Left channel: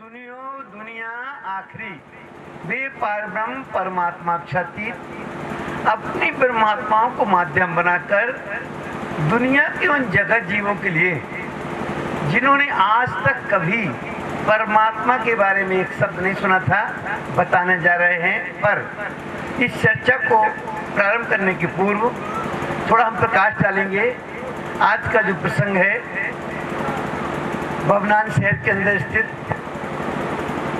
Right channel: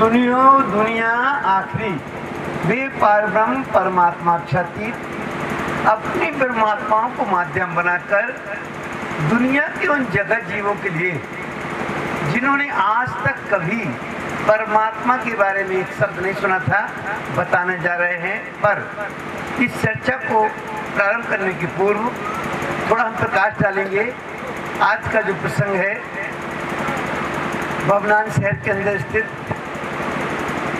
सुनियो दुनिया आखिरी, वे परब्रह्म परमात्मा क्षति अपनी परमात्माओं को माध्यम बनाकर दुनिया के उन जगत जीवों के लिए जिन्होंने आज तक कभी परमात्मा के बारे में एक शब्द नहीं सुना था, बताने जा रहे हैं। पर इस चर्चा को प्रारंभ करने के पूर्व थोड़ा हम प्रकाश डालेंगे। आज का जो प्रसंग है, भवनान शहर के अंदर स्थित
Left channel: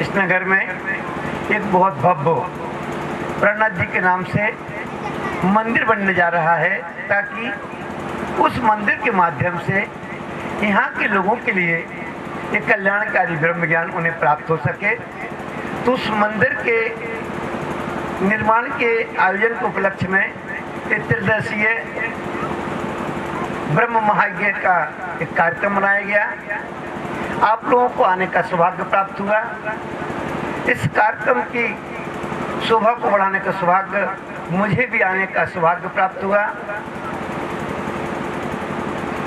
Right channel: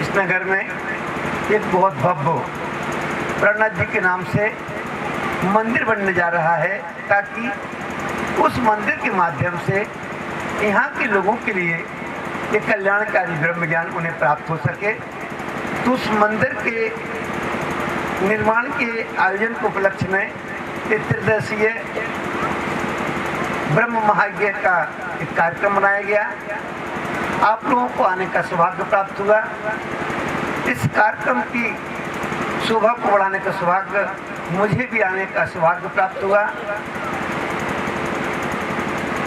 इस नगर में एक बहुत भव्य प्रणनाथ जी के नाम से मंदिर बनने जा रहा है, ताकि उस मंदिर के माध्यम से यहाँ के लोगों के लिए एक कल्याणकारी ब्रह्म ज्ञान उन्हें प्राप्त हो सके। तो उस मंदिर के निर्माण के आयोजन के उपलक्ष्य में एक त्रिदिवसीय ब्रह्म महायज्ञ का एक कार्यक्रम बनाया गया। आप लोगों को आने का सौभाग्य प्राप्त हुआ। इस कार्यक्रम की शोभा को बढ़ाने का सौभाग्य मुझे भी आने का सौभाग्य प्राप्त हुआ।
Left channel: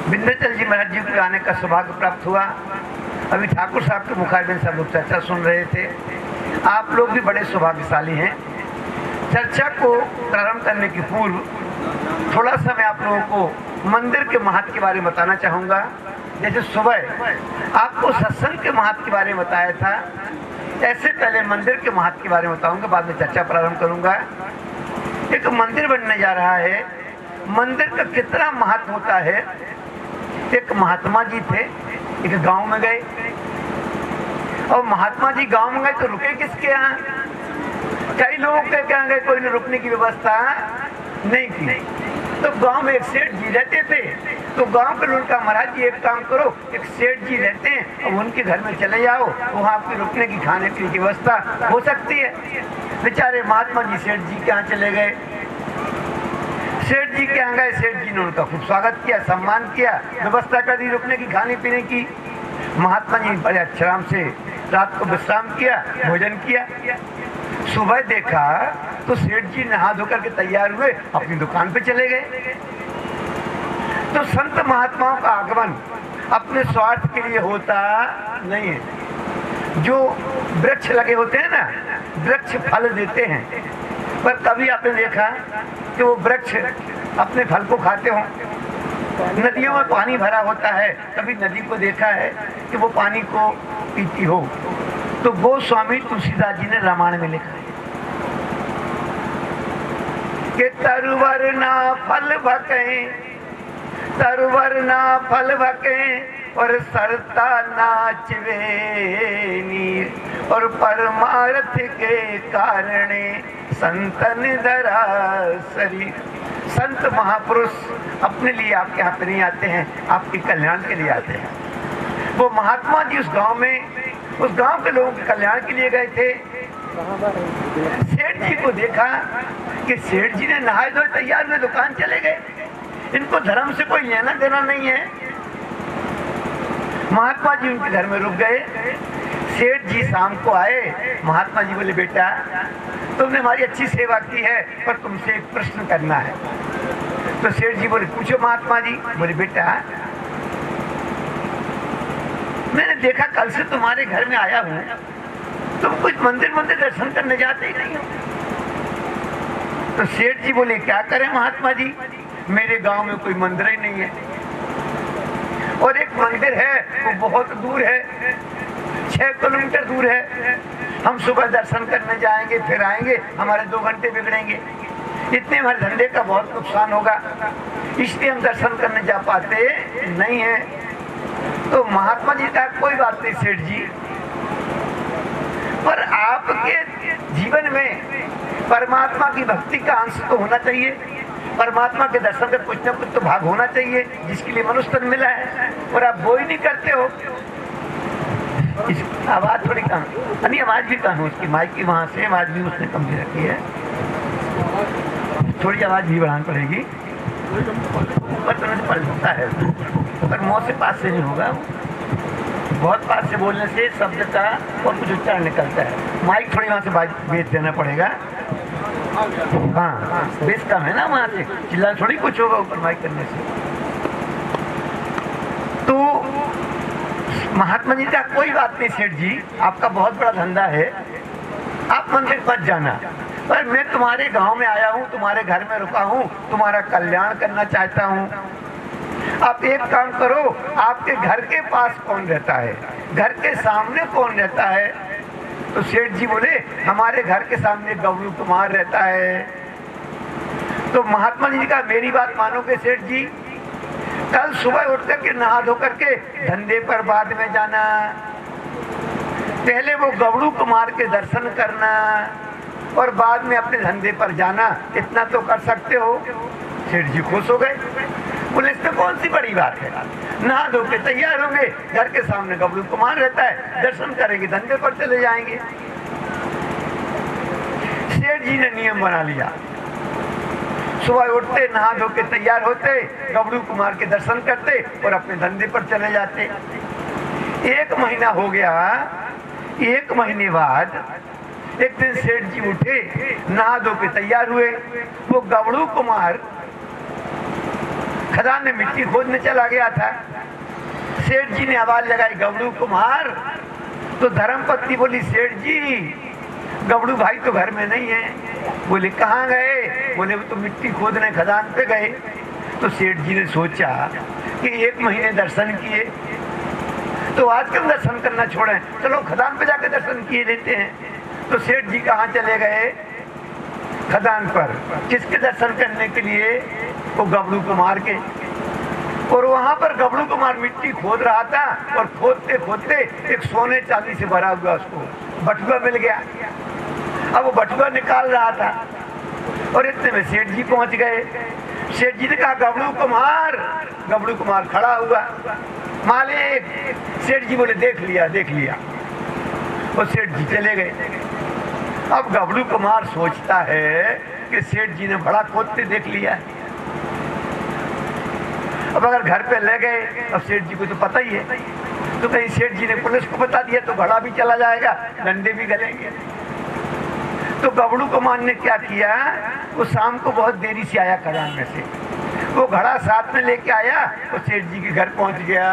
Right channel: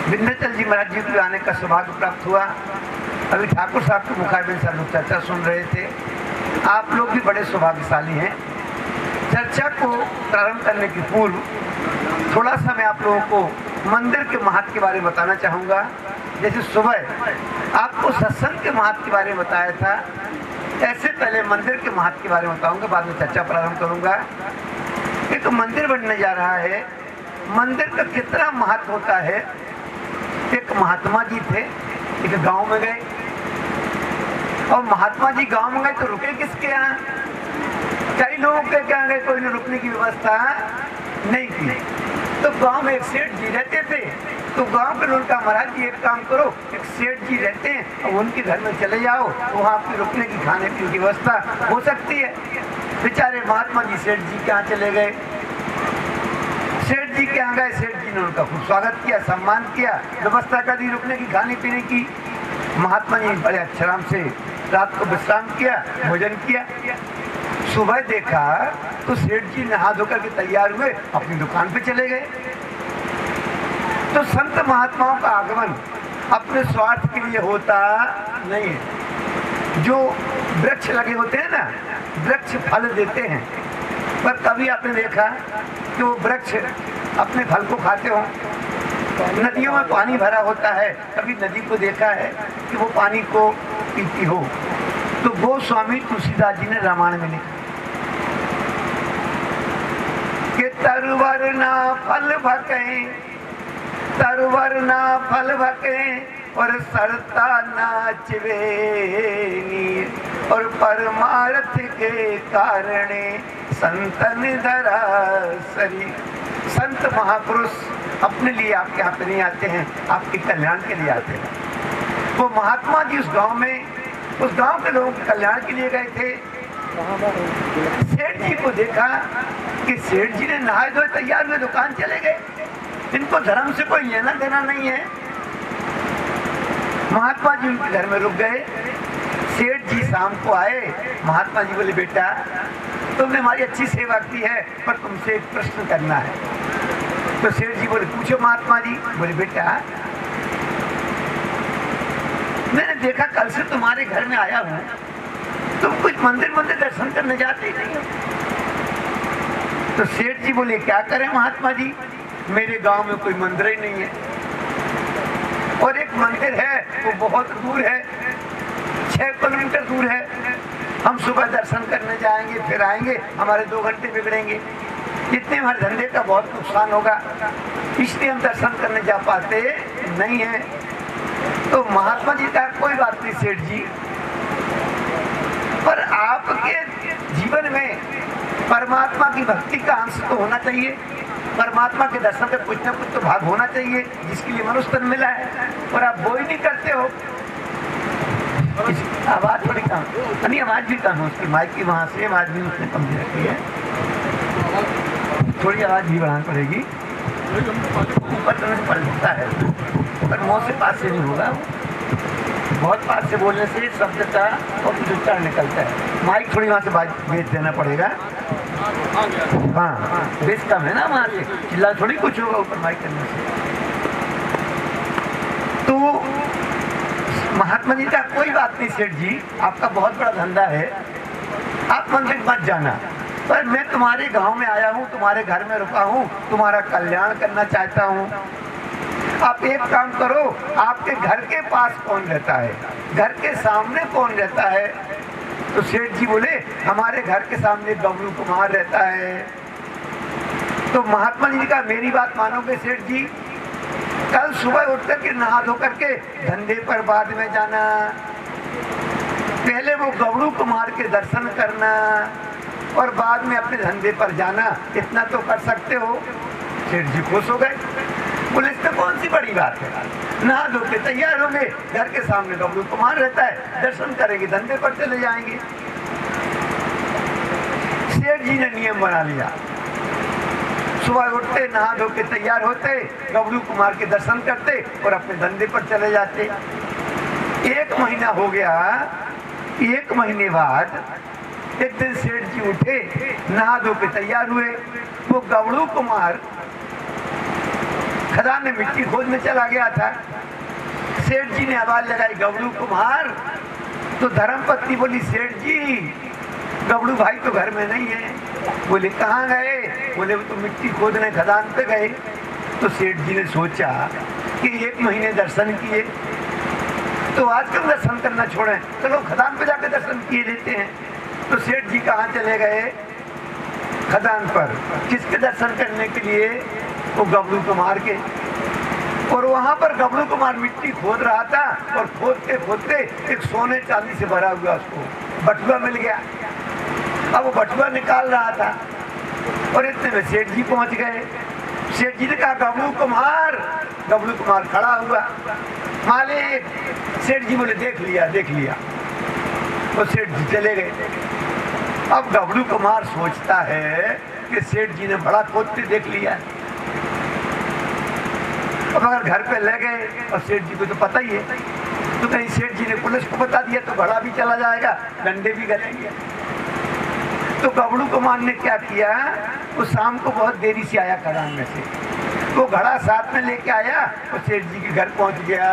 विंध्याचल जी महाराज जी को आने का सौभाग्य प्राप्त हुआ। अभी ठाकुर साहब के मुखारबिन से लोग चर्चा सुन रहे थे। आप लोग भी बड़े सौभाग्यशाली हैं। चर्चा को प्रारंभ करने के पूर्व थोड़ा सा मैं आप लोगों को मंदिर के महत्व के बारे में बताना चाहूँगा। जैसे सुबह आपको सत्संग के महत्व के बारे में बताया था, ऐसे पहले मंदिर के महत्व के बारे में बताऊंगा, बाद में चर्चा प्रारंभ करूंगा। एक मंदिर बनने जा रहा है। मंदिर का कितना महत्व होता है। एक महात्मा जी थे, एक गांव में गए, और महात्मा जी गांव में गए तो रुके किसके यहाँ? कई लोगों के यहाँ गए, कोई ने रुकने की व्यवस्था नहीं की। तो गांव में एक सेठ जी रहते थे। तो गांव के लोग कहा, महाराज जी एक काम करो, एक सेठ जी रहते हैं और उनके घर में चले जाओ, वहाँ आपकी रुकने की खाने पीने की व्यवस्था हो सकती है। बेचारे महात्मा जी सेठ जी के यहाँ चले गए। सेठ जी के यहाँ गए, सेठ जी ने उनका खूब स्वागत किया, सम्मान किया, व्यवस्था कर दी रुकने की खाने पीने की। महात्मा जी बड़े आराम से रात को विश्राम किया, भोजन किया। सुबह देखा तो सेठ जी नहा धोकर के तैयार हुए, अपनी दुकान पे चले गए। तो संत महात्माओं का आगमन अपने स्वार्थ के लिए होता नहीं है। जो वृक्ष लगे होते हैं ना, वृक्ष फल देते हैं, पर कभी आपने देखा कि वो वृक्ष अपने फल को खाते हो? नदियों में पानी भरा होता है, कभी नदी को देखा है कि वो पानी को पीती हो? तो वो स्वामी तुलसीदास जी ने रामायण में लिखा कि तरवर ना फल भके, तरवर ना फल भके, और सरता नाचवे नीर, और परमार्थ के कारणे संतन धरा शरीर। संत महापुरुष अपने लिए आपके यहाँ पे नहीं आते हैं, आपके कल्याण के लिए आते हैं। वो महात्मा जी उस गांव में, उस गांव के लोगों के कल्याण के लिए गए थे। सेठ जी को देखा कि सेठ जी ने नहाए धोए तैयार हुए दुकान चले गए। इनको धर्म से कोई लेना देना नहीं है। महात्मा जी उनके घर में रुक गए। सेठ जी शाम को आए। महात्मा जी बोले, बेटा तुमने हमारी अच्छी सेवा की है, पर तुमसे एक प्रश्न करना है। तो सेठ जी बोले, पूछो महात्मा जी। बोले, बेटा मैंने देखा कल से तुम्हारे घर में आया हूँ, तुम कुछ मंदिर दर्शन करने जाते ही नहीं हो। तो सेठ जी बोले, क्या करें महात्मा जी, मेरे गांव में कोई मंदिर ही नहीं है, और एक मंदिर है वो बहुत दूर है, 6 किलोमीटर दूर है। हम सुबह दर्शन करने जाएंगे, फिर आएंगे, हमारे 2 घंटे बिगड़ेंगे, इतने हमारे धंधे का बहुत नुकसान होगा, इसलिए हम दर्शन करने जा पाते नहीं है। तो महात्मा जी का कोई बात नहीं सेठ जी, पर आपके जीवन में परमात्मा की भक्ति का अंश तो होना चाहिए। परमात्मा के दर्शन का कुछ न कुछ तो भाग होना चाहिए, जिसके लिए मनुष्य तन मिला है, और आप वो ही नहीं करते हो। आवाज थोड़ी कम, नहीं आवाज भी कम है उसकी, माइक की वहाँ से आवाज भी उसने कम दे रखी है, थोड़ी आवाज भी बढ़ानी पड़ेगी। ऊपर तरह से पल सकता है, पर मुँह से पास से नहीं होगा। बहुत पास से बोलने से शब्द का और उच्चारण निकलता है। माइक थोड़ी वहाँ से बेच देना पड़ेगा। हाँ, बेस कम है ना वहाँ से, चिल्ला थोड़ी कुछ होगा ऊपर माइक करने से। तो महात्मा जी का कोई बात नहीं सेठ जी, आपका बहुत बड़ा धंधा है, आप मंदिर मत जाना, पर मैं तुम्हारे गांव में आया हूँ, तुम्हारे घर में रुका हूँ, तुम्हारा कल्याण करना चाहता हूँ। आप एक काम करो, आपके घर के पास कौन रहता है, घर के सामने कौन रहता है? तो सेठ जी बोले हमारे घर के सामने गबरू कुमार रहता है। तो महात्मा जी का मेरी बात मानोगे सेठ जी, कल सुबह उठ करके नहा धो करके धंधे पर बाद में जाना, पहले वो गबरू कुमार के दर्शन करना और बाद में अपने धंधे पर जाना, इतना तो कर सकते हो। सेठ जी खुश हो गए, बोले इसमें कौन सी बड़ी बात है, नहा धो के तैयार होंगे, घर के सामने गबरू कुमार रहता है, दर्शन करेंगे, धंधे पर चले जाएंगे। सेठ जी ने नियम बना लिया, सुबह उठते, नहा धो के तैयार होते, गबरू कुमार के दर्शन करते और अपने धंधे पर चले जाते। 1 महीना हो गया। 1 महीने बाद एक दिन सेठ जी उठे, नहा धो के तैयार हुए, वो गबरू कुमार खदान में मिट्टी खोदने चला गया था। सेठ जी ने आवाज लगाई गबरू कुमार, तो धर्मपत्नी बोली सेठ जी गबरू भाई तो घर में नहीं है। बोले कहाँ गए? बोले वो तो मिट्टी खोदने खदान पे गए। तो सेठ जी ने सोचा कि 1 महीने दर्शन किए तो आज कल दर्शन करना छोड़ें, चलो खदान पे जाकर दर्शन किए लेते हैं। तो सेठ जी कहाँ चले गए? खदान पर। किसके दर्शन करने के लिए? वो गबरू कुमार के। और वहां पर गबरू कुमार मिट्टी खोद रहा था और खोदते खोदते एक सोने चांदी से भरा हुआ उसको बटुआ मिल गया। अब वो बटुआ निकाल रहा था और इतने में सेठ जी पहुंच गए। सेठ जी ने कहा गबरू कुमार। गबरू कुमार खड़ा हुआ, मालिक। सेठ जी बोले देख लिया देख लिया। और सेठ जी चले गए। अब गबरू कुमार सोचता है कि सेठ जी ने बड़ा खोदते देख लिया। अब अगर घर पे ले गए और सेठ जी को तो पता ही है, तो कहीं सेठ जी ने पुलिस को बता दिया तो घड़ा भी चला जाएगा, डंडे भी गलेंगे। तो गबरू कुमार ने क्या किया, वो शाम को बहुत देरी से आया खदान में से, वो घड़ा साथ में लेके आया और सेठ जी के घर पहुंच गया।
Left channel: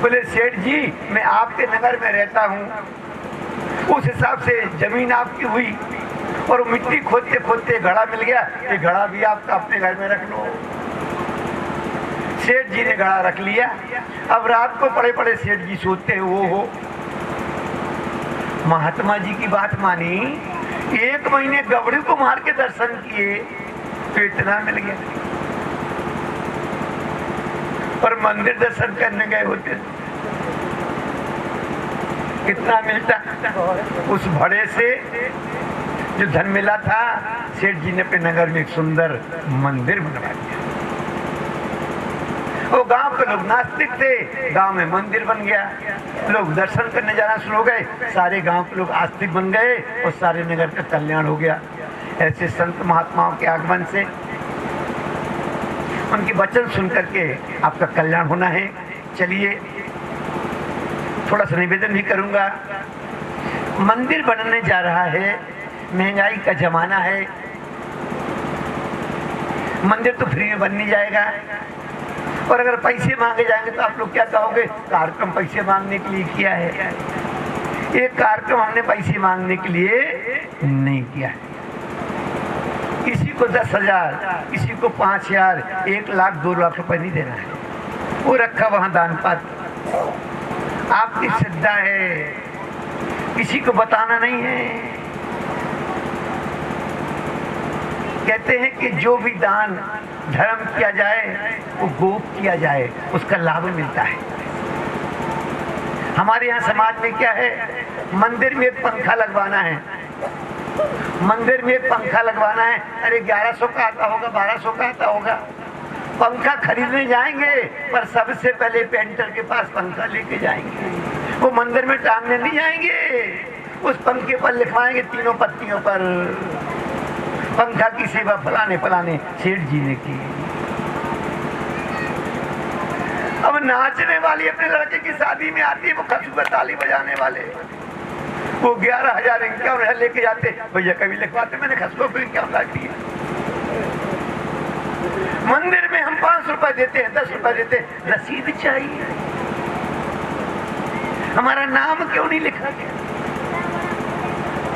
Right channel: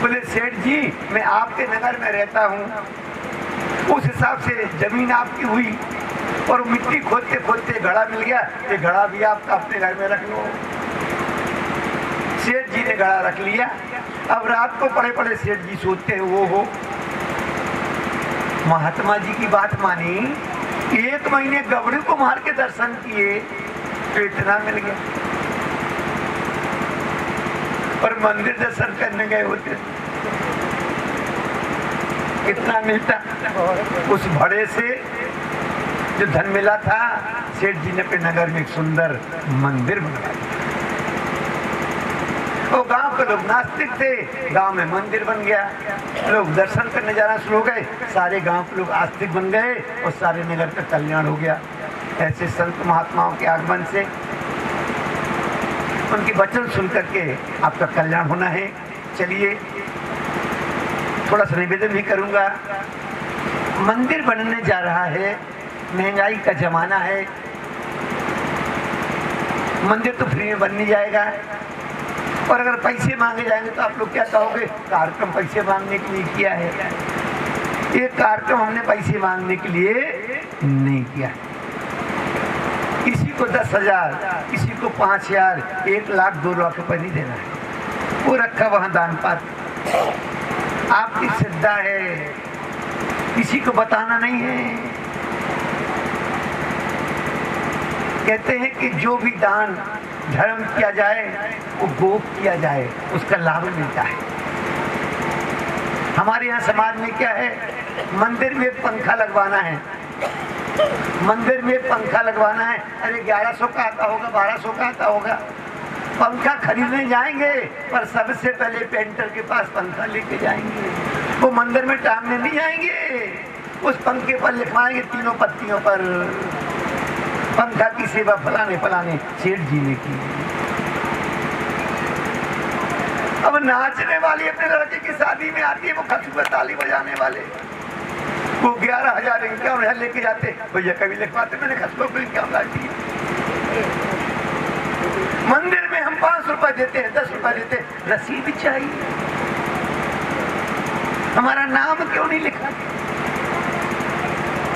बोले सेठ जी मैं आपके नगर में रहता हूँ, उस हिसाब से जमीन आपकी हुई और मिट्टी खोदते खोदते घड़ा मिल गया, ये घड़ा भी आपका अपने घर में रख लो। सेठ जी ने घड़ा रख लिया। अब रात को पड़े पड़े सेठ जी सोचते हैं वो हो महात्मा जी की बात मानी, 1 महीने गबरू कुमार के दर्शन किए तो इतना मिल गया, पर मंदिर दर्शन करने गए होते कितना मिलता। उस भड़े से जो धन मिला था, सेठ जी ने अपने नगर में एक सुंदर मंदिर बनाया। वो गांव के लोग नास्तिक थे, गांव में मंदिर बन गया, लोग दर्शन करने जाना शुरू हो गए, सारे गांव के लोग आस्तिक बन गए और सारे नगर का कल्याण हो गया। ऐसे संत महात्माओं के आगमन से, उनके वचन सुन करके आपका कल्याण होना है। चलिए थोड़ा सा निवेदन भी करूंगा। मंदिर बनने जा रहा है, महंगाई का जमाना है, मंदिर तो फ्री में बन नहीं जाएगा, और अगर पैसे मांगे जाएंगे तो आप लोग क्या कहोगे, कार्यक्रम पैसे मांगने के लिए किया है। ये कार्यक्रम हमने पैसे मांगने के लिए नहीं किया है। किसी को 10,000, किसी को 5,000, 1 लाख 2 लाख रुपए नहीं देना है, वो रखा वहां दान पात्र, आपकी श्रद्धा है, किसी को बताना नहीं है। कहते हैं कि जो भी दान धर्म किया जाए वो गोप किया जाए, उसका लाभ मिलता है। हमारे यहाँ समाज में क्या है, मंदिर में पंखा लगवाना है, मंदिर में पंखा लगवाना है, अरे 1100 का आता होगा, 1200 का आता होगा। पंखा खरीदने जाएंगे पर सबसे पहले पेंटर के पास पंखा लेके जाएंगे, वो मंदिर में टांगने नहीं जाएंगे, उस पंखे पर लिखवाएंगे 3 पत्तियों पर पंखा की सेवा फलाने फलाने सेठ जी ने की। अब नाचने वाली अपने लड़के की शादी में आती है, वो खचू पर ताली बजाने वाले, वो 11,000 इनकम लेके जाते, भैया कभी लिखवाते मैंने खचुओं को इनकम लाती है। मंदिर में हम 5 रुपए देते हैं, 10 रुपए देते हैं, रसीद चाहिए। हमारा नाम क्यों नहीं लिखा?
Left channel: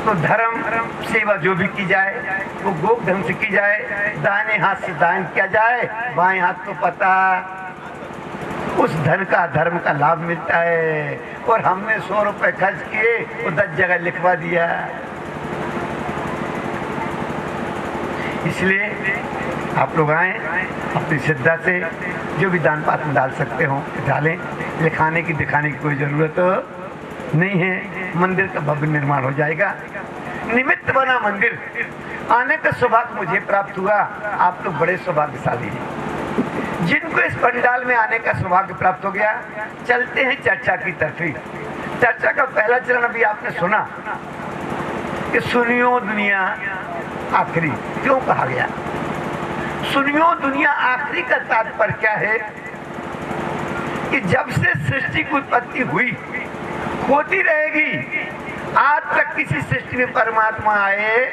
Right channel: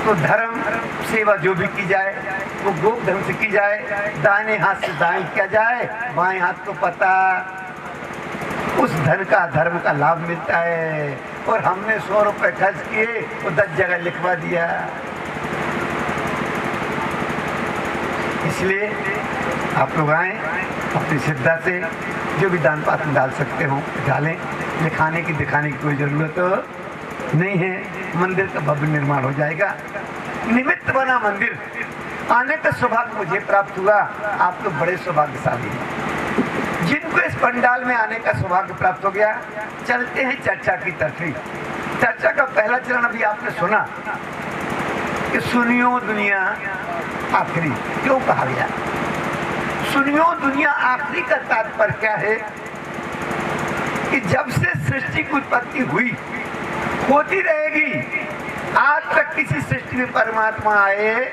तो धर्म सेवा जो भी की जाए वो गोप धर्म से की जाए, दाहिने हाथ से दाएं किया जाए, बाएं हाथ को पता, उस धर्म का लाभ मिलता है। और हमने 100 रुपए खर्च किए तो 10 जगह लिखवा दिया। इसलिए आप लोग आए, अपनी श्रद्धा से जो भी दान पात्र डाल सकते हो डालें। लिखाने की दिखाने की कोई जरूरत नहीं है। मंदिर का भव्य निर्माण हो जाएगा। निमित्त बना मंदिर, आने का सौभाग्य मुझे प्राप्त हुआ। आप तो बड़े सौभाग्यशाली हैं जिनको इस पंडाल में आने का सौभाग्य प्राप्त हो गया। चलते हैं चर्चा की तरफ। चर्चा का पहला चरण अभी आपने सुना कि सुनियो दुनिया आखिरी क्यों कहा गया। सुनियो दुनिया आखिरी का तात्पर्य क्या है कि जब से सृष्टि की उत्पत्ति हुई, होती रहेगी, आज तक किसी सृष्टि में परमात्मा आए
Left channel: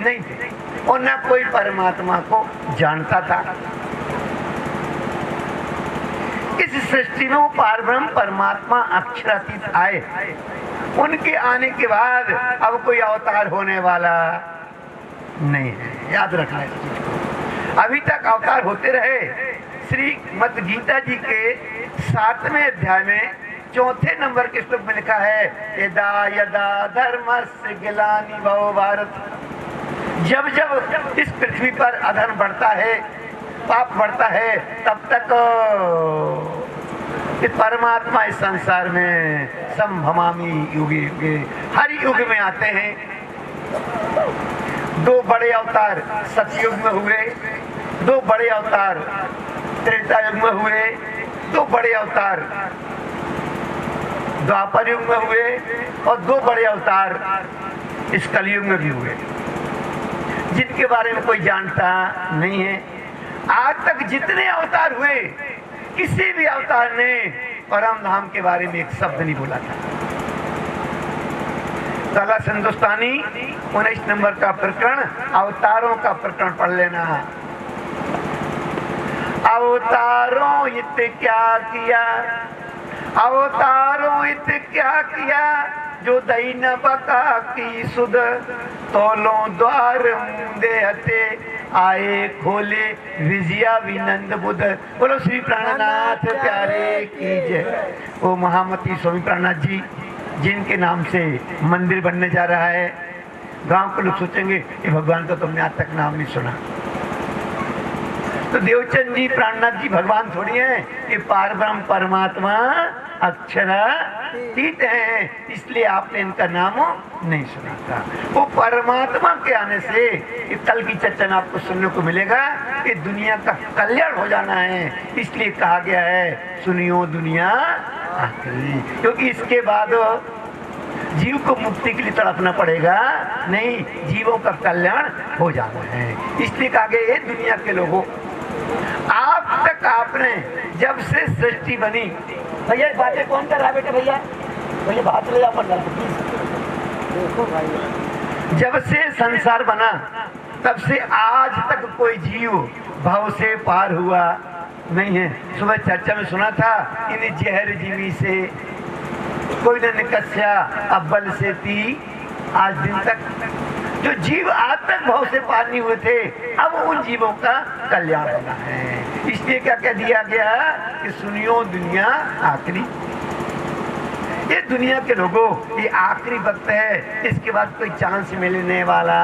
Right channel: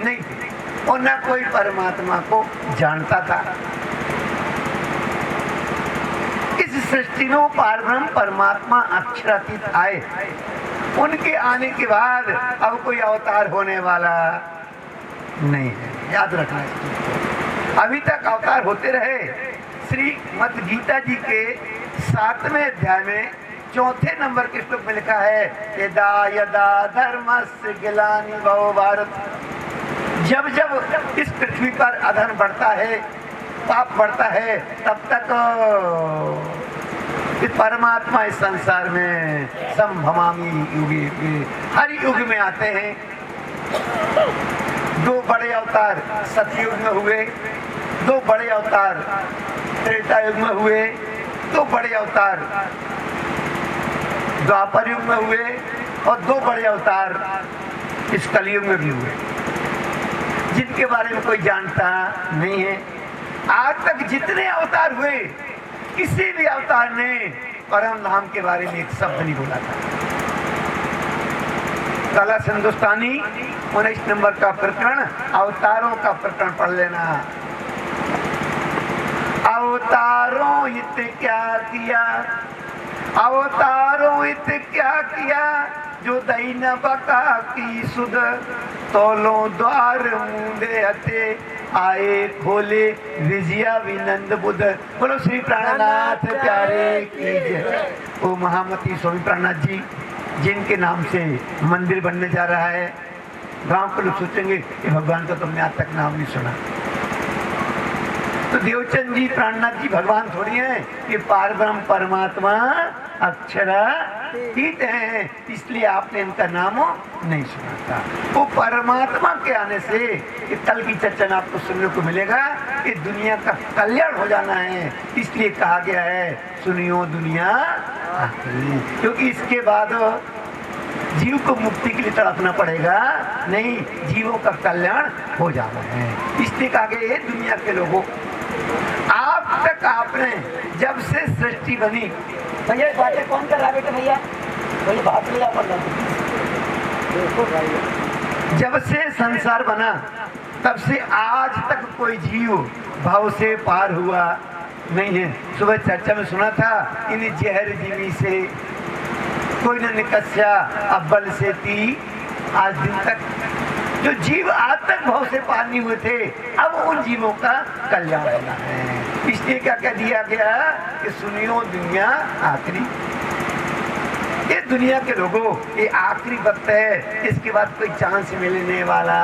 नहीं थे और न कोई परमात्मा को जानता था। इस सृष्टि में वो पारब्रह्म परमात्मा अक्षरातीत आए। उनके आने के बाद अब कोई अवतार होने वाला नहीं है, याद रखना इसको। अभी तक अवतार होते रहे। श्रीमद् गीता जी के 7वें अध्याय में 4थे नंबर के श्लोक में लिखा है, यदा यदा धर्मस्य ग्लानिर्भवति भारत। जब जब इस पृथ्वी पर अधर्म बढ़ता है, पाप बढ़ता है, तब तक परमात्मा इस संसार में संभवामि युगे युगे, हर युग में आते हैं। 2 बड़े अवतार सतयुग में हुए, 2 बड़े अवतार त्रेता युग में हुए, 2 बड़े अवतार द्वापर युग में हुए और 2 बड़े अवतार इस कलयुग में भी हुए, जिनके बारे में कोई जानता नहीं है। आज तक जितने अवतार हुए, किसी भी अवतार ने परम धाम के बारे में एक शब्द नहीं बोला था। कला हिंदुस्तानी 19 नंबर का प्रकरण, अवतारों का प्रकरण पढ़ लेना। अवतारों इत क्या किया, अवतारों इत क्या किया, जो दैन बका की सुध, तोलो द्वार मुंदे हते, आए खोले विजया विनंद बुध। बोलो श्री प्राणनाथ प्यारे की जय। वो महामती स्वामी प्राणनाथ जी, जिनके नाम से मंदिर बनने जा रहा है। गांव के लोग सोचेंगे कि भगवान का तुमने आज तक नाम नहीं सुना। तो देवचंद जी प्राणनाथ जी भगवान थोड़ी हैं, ये पारब्रह्म परमात्मा अक्षरातीत हैं, इसलिए आपने इनका नाम नहीं सुना था। वो परमात्मा के आने से कल की चर्चा में आपको सुनने को मिलेगा कि दुनिया का कल्याण हो जाना है, इसलिए कहा गया है सुनियो दुनिया आखिरी। क्योंकि इसके बाद जीव को मुक्ति के लिए तड़पना पड़ेगा नहीं, जीवों का कल्याण हो जाना है। इसलिए कहा गया है दुनिया के लोगों, आप तक आपने जब से सृष्टि बनी। भैया बातें कौन कर रहा है बेटे? भैया भैया बात ले जाओ। देखो भाई, जब से संसार बना तब से आज तक कोई जीव भाव से पार हुआ नहीं है। सुबह चर्चा में सुना था, इन्हें जहर जीवी से कोई ने निकस्या अव्वल से थी, आज दिन तक जो जीव आज तक भाव से पार नहीं हुए थे, अब उन जीवों का कल्याण होना है। इसलिए क्या कह दिया गया कि सुनियो दुनिया आखिरी। ये दुनिया के लोगों, ये आखिरी वक्त है, इसके बाद कोई चांस मिलने वाला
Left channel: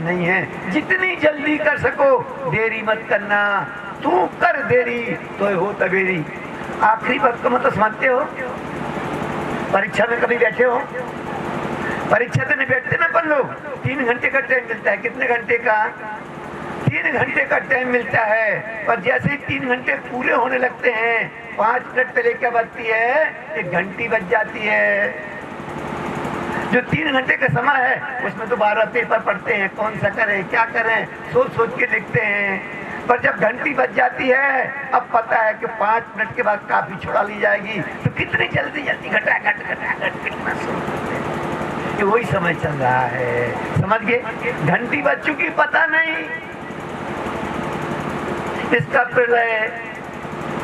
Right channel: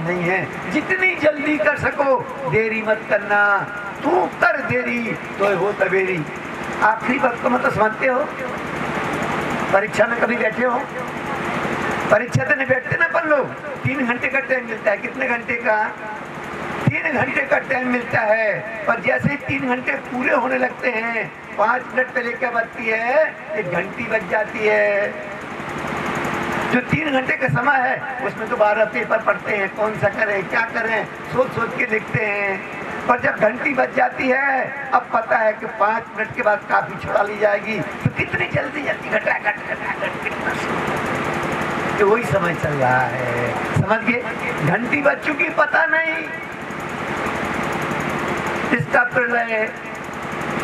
नहीं है। जितनी जल्दी कर सको देरी मत करना, तू कर देरी तो हो तबेरी। आखिरी वक्त को मतलब समझते हो? परीक्षा में कभी बैठे हो? परीक्षा तो नहीं बैठते ना अपन लोग। 3 घंटे का टाइम मिलता है। कितने घंटे का? 3 घंटे का टाइम मिलता है। पर जैसे ही 3 घंटे पूरे होने लगते हैं, 5 मिनट पहले क्या बजती है? एक घंटी बज जाती है। जो 3 घंटे का समय है उसमें तो 12 पेपर पढ़ते हैं, कौन सा करें क्या करें, सोच सोच के लिखते हैं। पर जब घंटी बज जाती है, अब पता है कि 5 मिनट के बाद काफी छुड़ा ली जाएगी, तो कितनी जल्दी जल्दी घटाघट तो वही समय चल रहा है। समझ गए? घंटी बज चुकी, पता नहीं। इसका प्रलय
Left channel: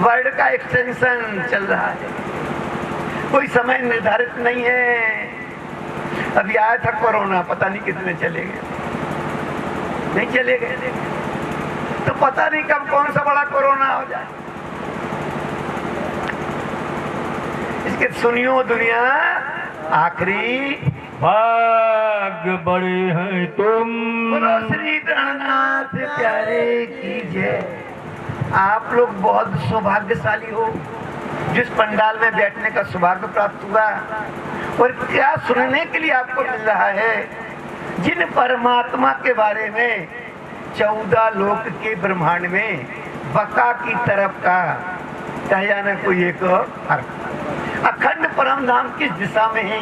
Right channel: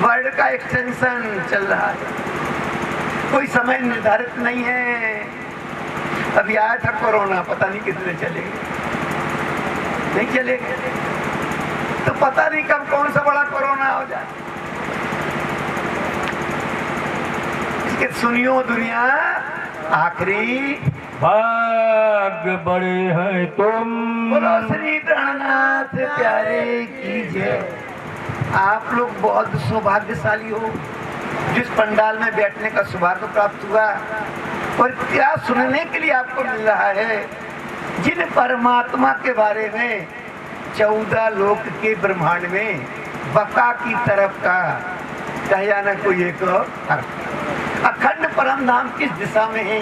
वर्ड का एक्सटेंशन चल रहा है। कोई समय निर्धारित नहीं है। अभी आया था कोरोना, पता नहीं कितने चले गए, नहीं चले गए, तो पता नहीं कब कौन सा बड़ा कोरोना हो जाए। इसके सुनियो दुनिया, आखिरी भाग्य बड़े हैं तुम। बोलो श्री प्राणनाथ प्यारे कीजिए। आप लोग बहुत सौभाग्यशाली हो, जिस पंडाल में बैठने का सौभाग्य प्राप्त हुआ। और क्या सुनने के लिए आपको मिल रहा है, जिन परमात्मा के बारे में 14 लोक के ब्रह्मांड में बका की तरफ का कहा न कोई एक अर्थ। अखंड परम धाम किस दिशा में है,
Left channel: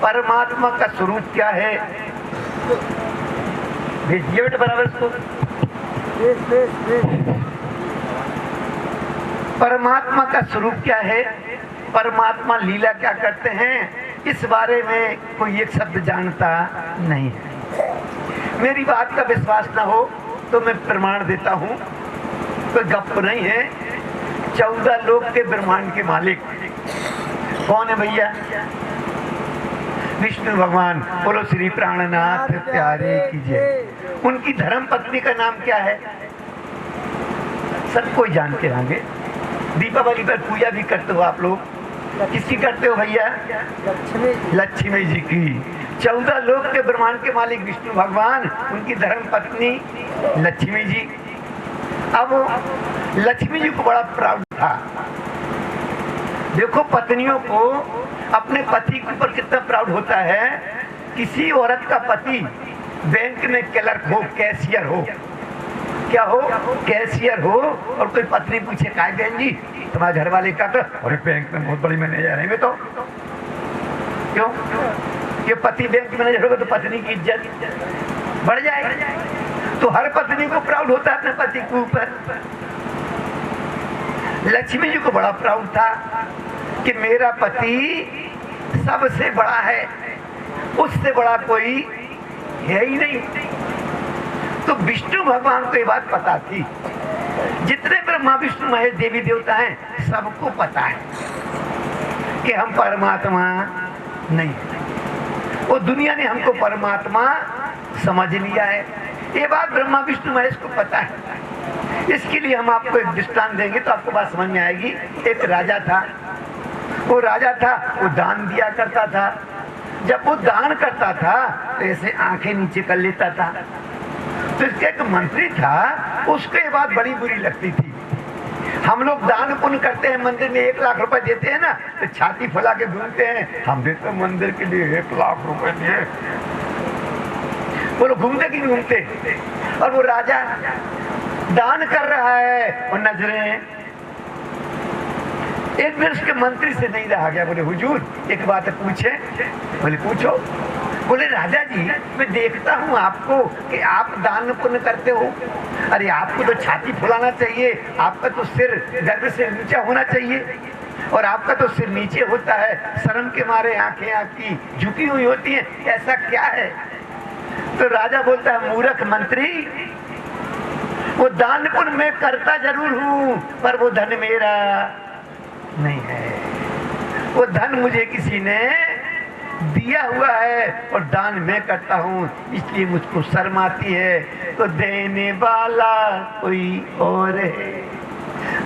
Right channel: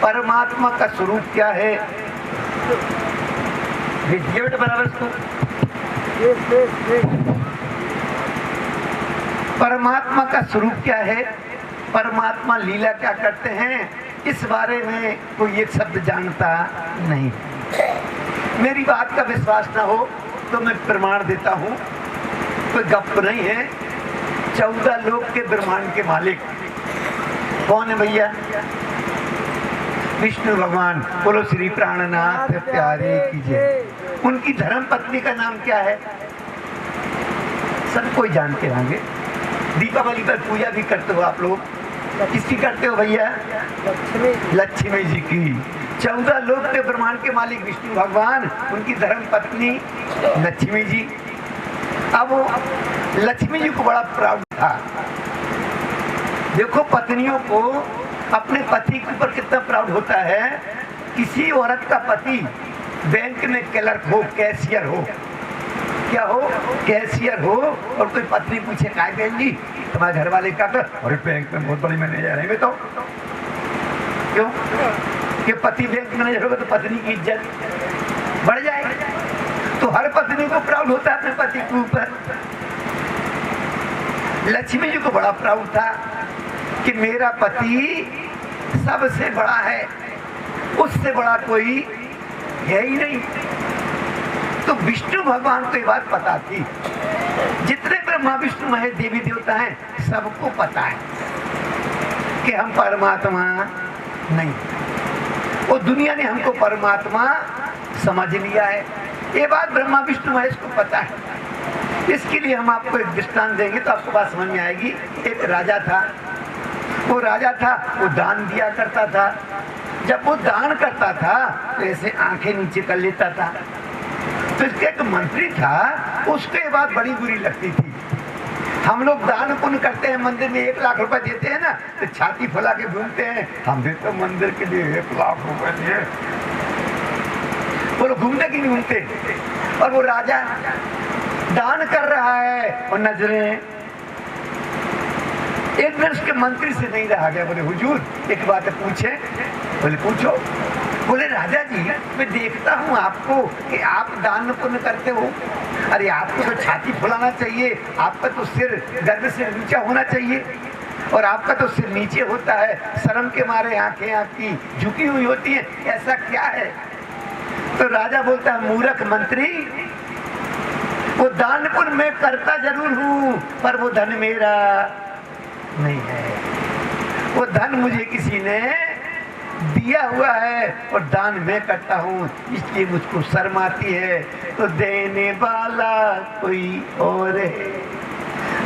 परमात्मा का स्वरूप क्या है। बराबर इसको परमात्मा का स्वरूप क्या है, परमात्मा लीला क्या करते हैं, इस बारे में कोई एक शब्द जानता नहीं। मेरी बात का विश्वास ना हो तो मैं प्रमाण देता हूँ, कोई गप नहीं है। 14 लोक के ब्रह्मांड के मालिक कौन है भैया? विष्णु भगवान। बोलो श्री प्राणनाथ प्यारे कीजिए। उनकी धर्म पत्नी का नाम क्या है? सब कोई जानते होंगे। दीपावली पर पूजा भी करते हो आप लोग, किसकी करते हो भैया? लक्ष्मी जी की। 14 लोक के ब्रह्मांड के मालिक विष्णु भगवान, उनकी धर्म पत्नी लक्ष्मी जी। अब लक्ष्मी जी को बड़ा प्राउड था। देखो पत्नियों को अपने पति के ऊपर कितना प्राउड होता है। किसी औरत का पति बैंक में क्लर्क हो, कैशियर हो, क्या हो, कैशियर हो, और कोई पत्नी पूछे काय बहन जी तुम्हारे घर वाले का, तो अरे बैंक में बहुत बड़ी मैनेजर है। मैं तो क्यों कि पति बैंक मैनेजर होगा तो पत्नी की इज्जत बढ़ जाएगी। तो हर पत्नी को प्राउड होता है अपने पति के ऊपर। लक्ष्मी जी को बड़ा प्राउड था कि मेरा पति सबसे बड़ा है, उससे बड़ा कोई है ही नहीं। तो विष्णु भगवान को ये बात पता थी। जितने ब्रह्मा विष्णु महेश देवी देवता हैं सबको पता है कि हम परमात्मा नहीं, वो दुनिया ने हमको परमात्मा समझ लिया है। ये बात ब्रह्मा विष्णु महेश को पता है। इसके लिए हम आपको एक दृष्टांत देंगे तो आपको बात समझ में आएगी। एक राजा था, वो राजा था, वो दान दिया करता था। जब वो दान करता था तो ऐसे आंखें नीचे कर लेता था। तो इसके एक मंत्री था, उसको ये बात बड़ी बुरी लगती थी। हम लोग दान पुण्य करते हैं, मंदिर में 1 लाख रुपए देते हैं ना, तो छाती फैला के घूमते हैं, हम भी तो मंदिर के लिए 1 लाख रुपए दिए। वो लोग घूमते कि घूमते। और वो राजा दान कर रहा है और नजरें एक दिन उसके मंत्री से नहीं रहा गया। बोले हुजूर एक बात पूछे? बोले पूछो। बोले राजा जी मैं देखता हूँ आपको कि आप दान पुण्य करते हो। अरे आपको तो छाती फुलाना चाहिए, आपका तो सिर गर्द से नीचा होना चाहिए, और आपका तो सिर नीचे होता है, शर्म के मारे आंखें आपकी झुकी हुई होती हैं, ऐसा क्या है? तो राजा बोलता है मूर्ख मंत्री, वो दान पुण्य मैं करता जरूर हूँ पर वो धन मेरा नहीं है। वो धन मुझे किसी ने दिया हुआ है और दान मैं करता हूँ, इसलिए मुझको शर्म आती है। तो देने वाला कोई और है,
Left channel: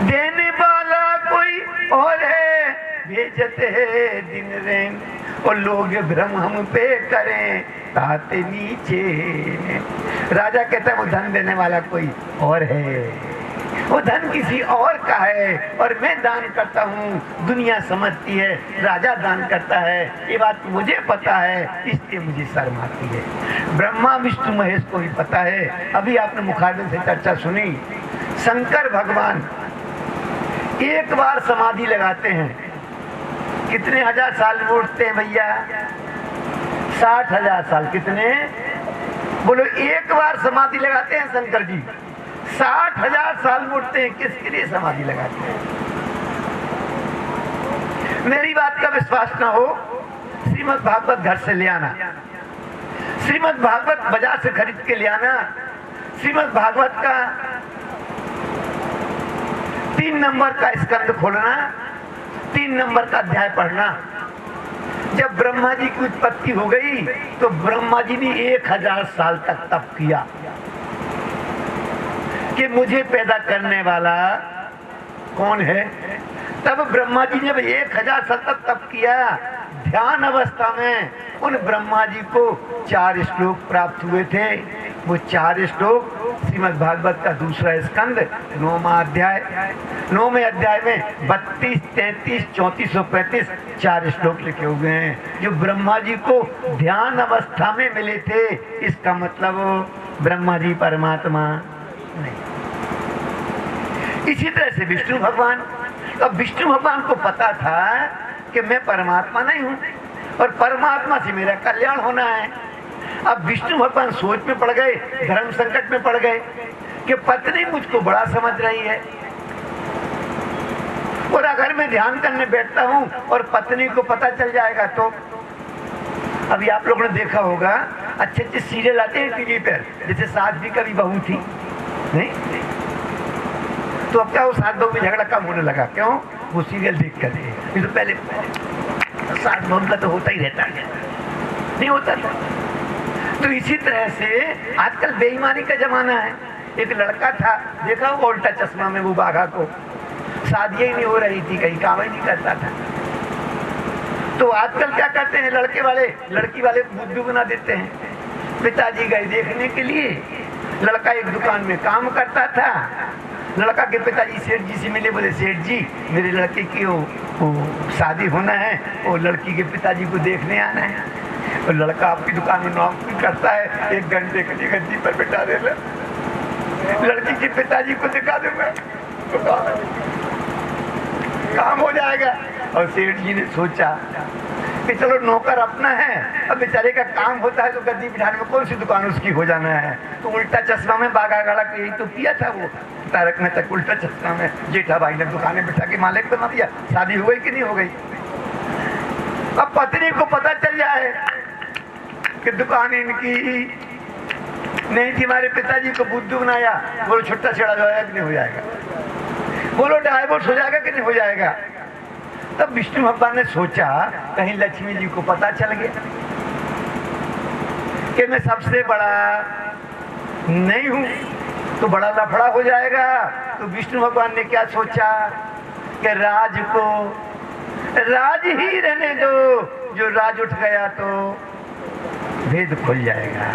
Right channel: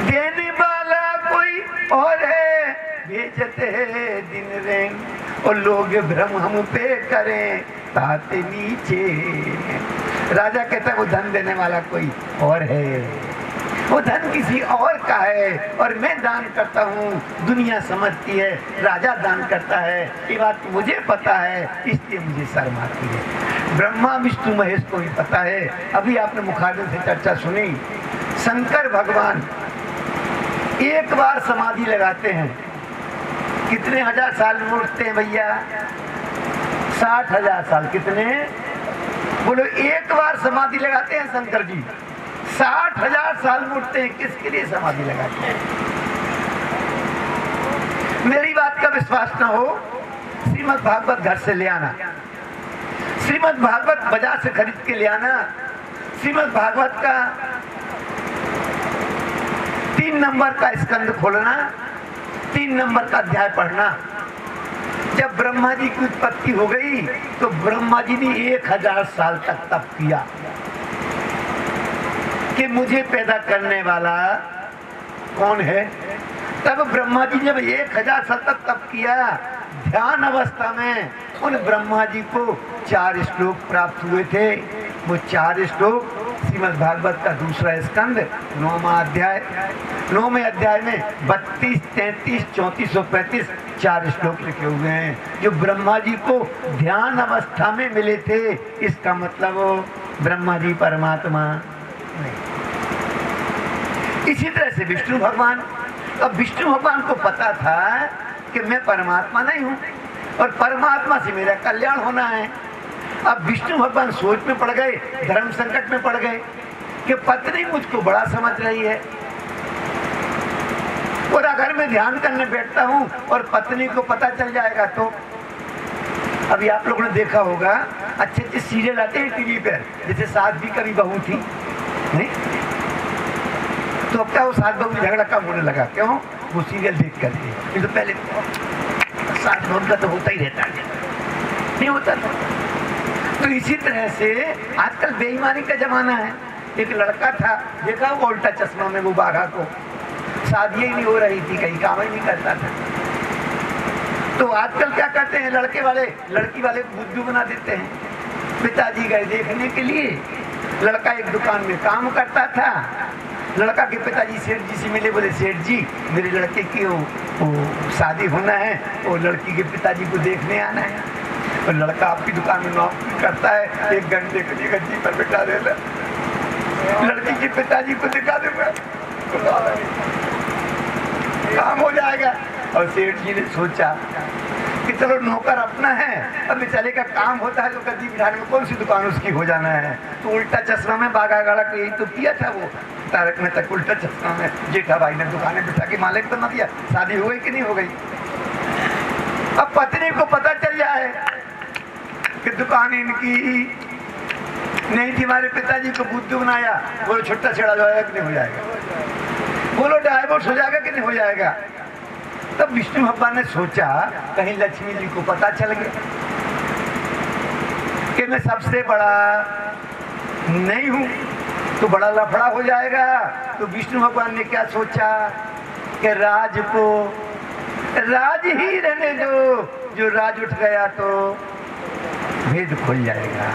देने वाला कोई और है, भेजते है दिन रैन और लोग भ्रम हम पे करें ताते नीचे। राजा कहता है वो धन देने वाला कोई और है, वो धन किसी और का है और मैं दान करता हूँ। दुनिया समझती है राजा दान करता है, ये बात मुझे पता है, इसलिए मुझे शर्म आती है। ब्रह्मा विष्णु महेश को भी पता है। अभी आपने मुखार्जन से चर्चा सुनी, शंकर भगवान एक बार समाधि लगाते हैं, कितने हजार साल में उठते हैं भैया? 60,000 साल। कितने? बोलो एक बार समाधि लगाते हैं शंकर जी, 60,000 साल में उठते हैं। किसके लिए समाधि लगाते हैं? मेरी बात का विश्वास ना हो, श्रीमद् भागवत घर से ले आना, श्रीमद् भागवत बाजार से खरीद के ले आना। श्रीमद् भागवत का 3 नंबर का स्कंद खोलना, 3 नंबर का अध्याय पढ़ना। जब ब्रह्मा जी की उत्पत्ति हो गई तो ब्रह्मा जी ने 1000 साल तक तप किया कि मुझे पैदा करने वाला कौन है। तब ब्रह्मा जी ने जब 1000 साल तक तप किया, ध्यान अवस्था में उन ब्रह्मा जी को 4 श्लोक प्राप्त हुए थे। वो 4 श्लोक श्रीमद् भागवत का दूसरा स्कंद 9वां अध्याय, 9वें अध्याय में 32, 33, 34 और 35 4 श्लोक लिखे हुए हैं जो ब्रह्मा जी को ध्यान अवस्था में मिले थे। इसका मतलब ब्रह्मा जी परमात्मा नहीं। इसी तरह से विष्णु भगवान, अब विष्णु भगवान को पता था कि मैं परमात्मा नहीं हूं और परमात्मा से मेरा कल्याण होना है। अब विष्णु भगवान सोच में पड़ गए, धर्म संकट में पड़ गए कि पत्नी मुझको बड़ा समझ रही है और अगर मैं ध्यान करने बैठता हूं और पत्नी को पता चल जाएगा तो। अभी आप लोगों ने देखा होगा अच्छे अच्छे सीरियल आते हैं टीवी पर, जैसे सास भी कभी बहू थी, नहीं तो अब क्या वो सास बहू में झगड़ा कम होने लगा, क्यों? वो सीरियल देख करके। ये तो पहले सास बहू का तो होता ही रहता है, नहीं होता था। तो इसी तरह से आजकल बेईमानी का जमाना है। एक लड़का था, देखा वो उल्टा चश्मा में, वो बाघा को शादी ही नहीं हो रही थी, कहीं काम ही नहीं करता था। तो आजकल क्या करते हैं लड़के वाले, लड़की वाले बुद्धू बना देते हैं। पिताजी गए देखने के लिए, लड़का एक दुकान में काम करता था। लड़का के पिताजी सेठ जी से मिले, बोले सेठ जी मेरे लड़के की वो शादी होना है, वो लड़की के पिताजी को देखने आना है। और लड़का आपकी दुकान में नौकरी करता है, 1 घंटे के लिए गद्दी पर बिठा देगा, लड़की के पिताजी को दिखा दूंगा, काम हो जाएगा। और सेठ जी ने सोचा कि चलो नौकर अपना है, अब बेचारे का काम होता है तो गद्दी बिठाने में कौन सी दुकान उसकी हो जाना है। तो उल्टा चश्मा में बागा गाड़ा को यही तो किया था वो तारक मेहता, उल्टा चश्मा में जेठा भाई ने दुकानें बिठा के मालिक बना दिया। शादी हो गई कि नहीं हो गई? अब पत्नी को पता चल जाए कि दुकान इनकी नहीं थी, हमारे पिताजी को बुद्धू बनाया, बोलो छुट्टा छेड़ा हो जाएगा कि नहीं हो जाएगा, बोलो डाइवोर्स हो जाएगा कि नहीं हो जाएगा। तब विष्णु भगवान ने सोचा कहीं लक्ष्मी जी को पता चल गया कि मैं सबसे बड़ा नहीं हूं तो बड़ा लफड़ा हो जाएगा। तो विष्णु भगवान ने क्या सोचा कि राज को राज ही रहने दो, जो राज उठ गया तो भेद खुल जाएगा।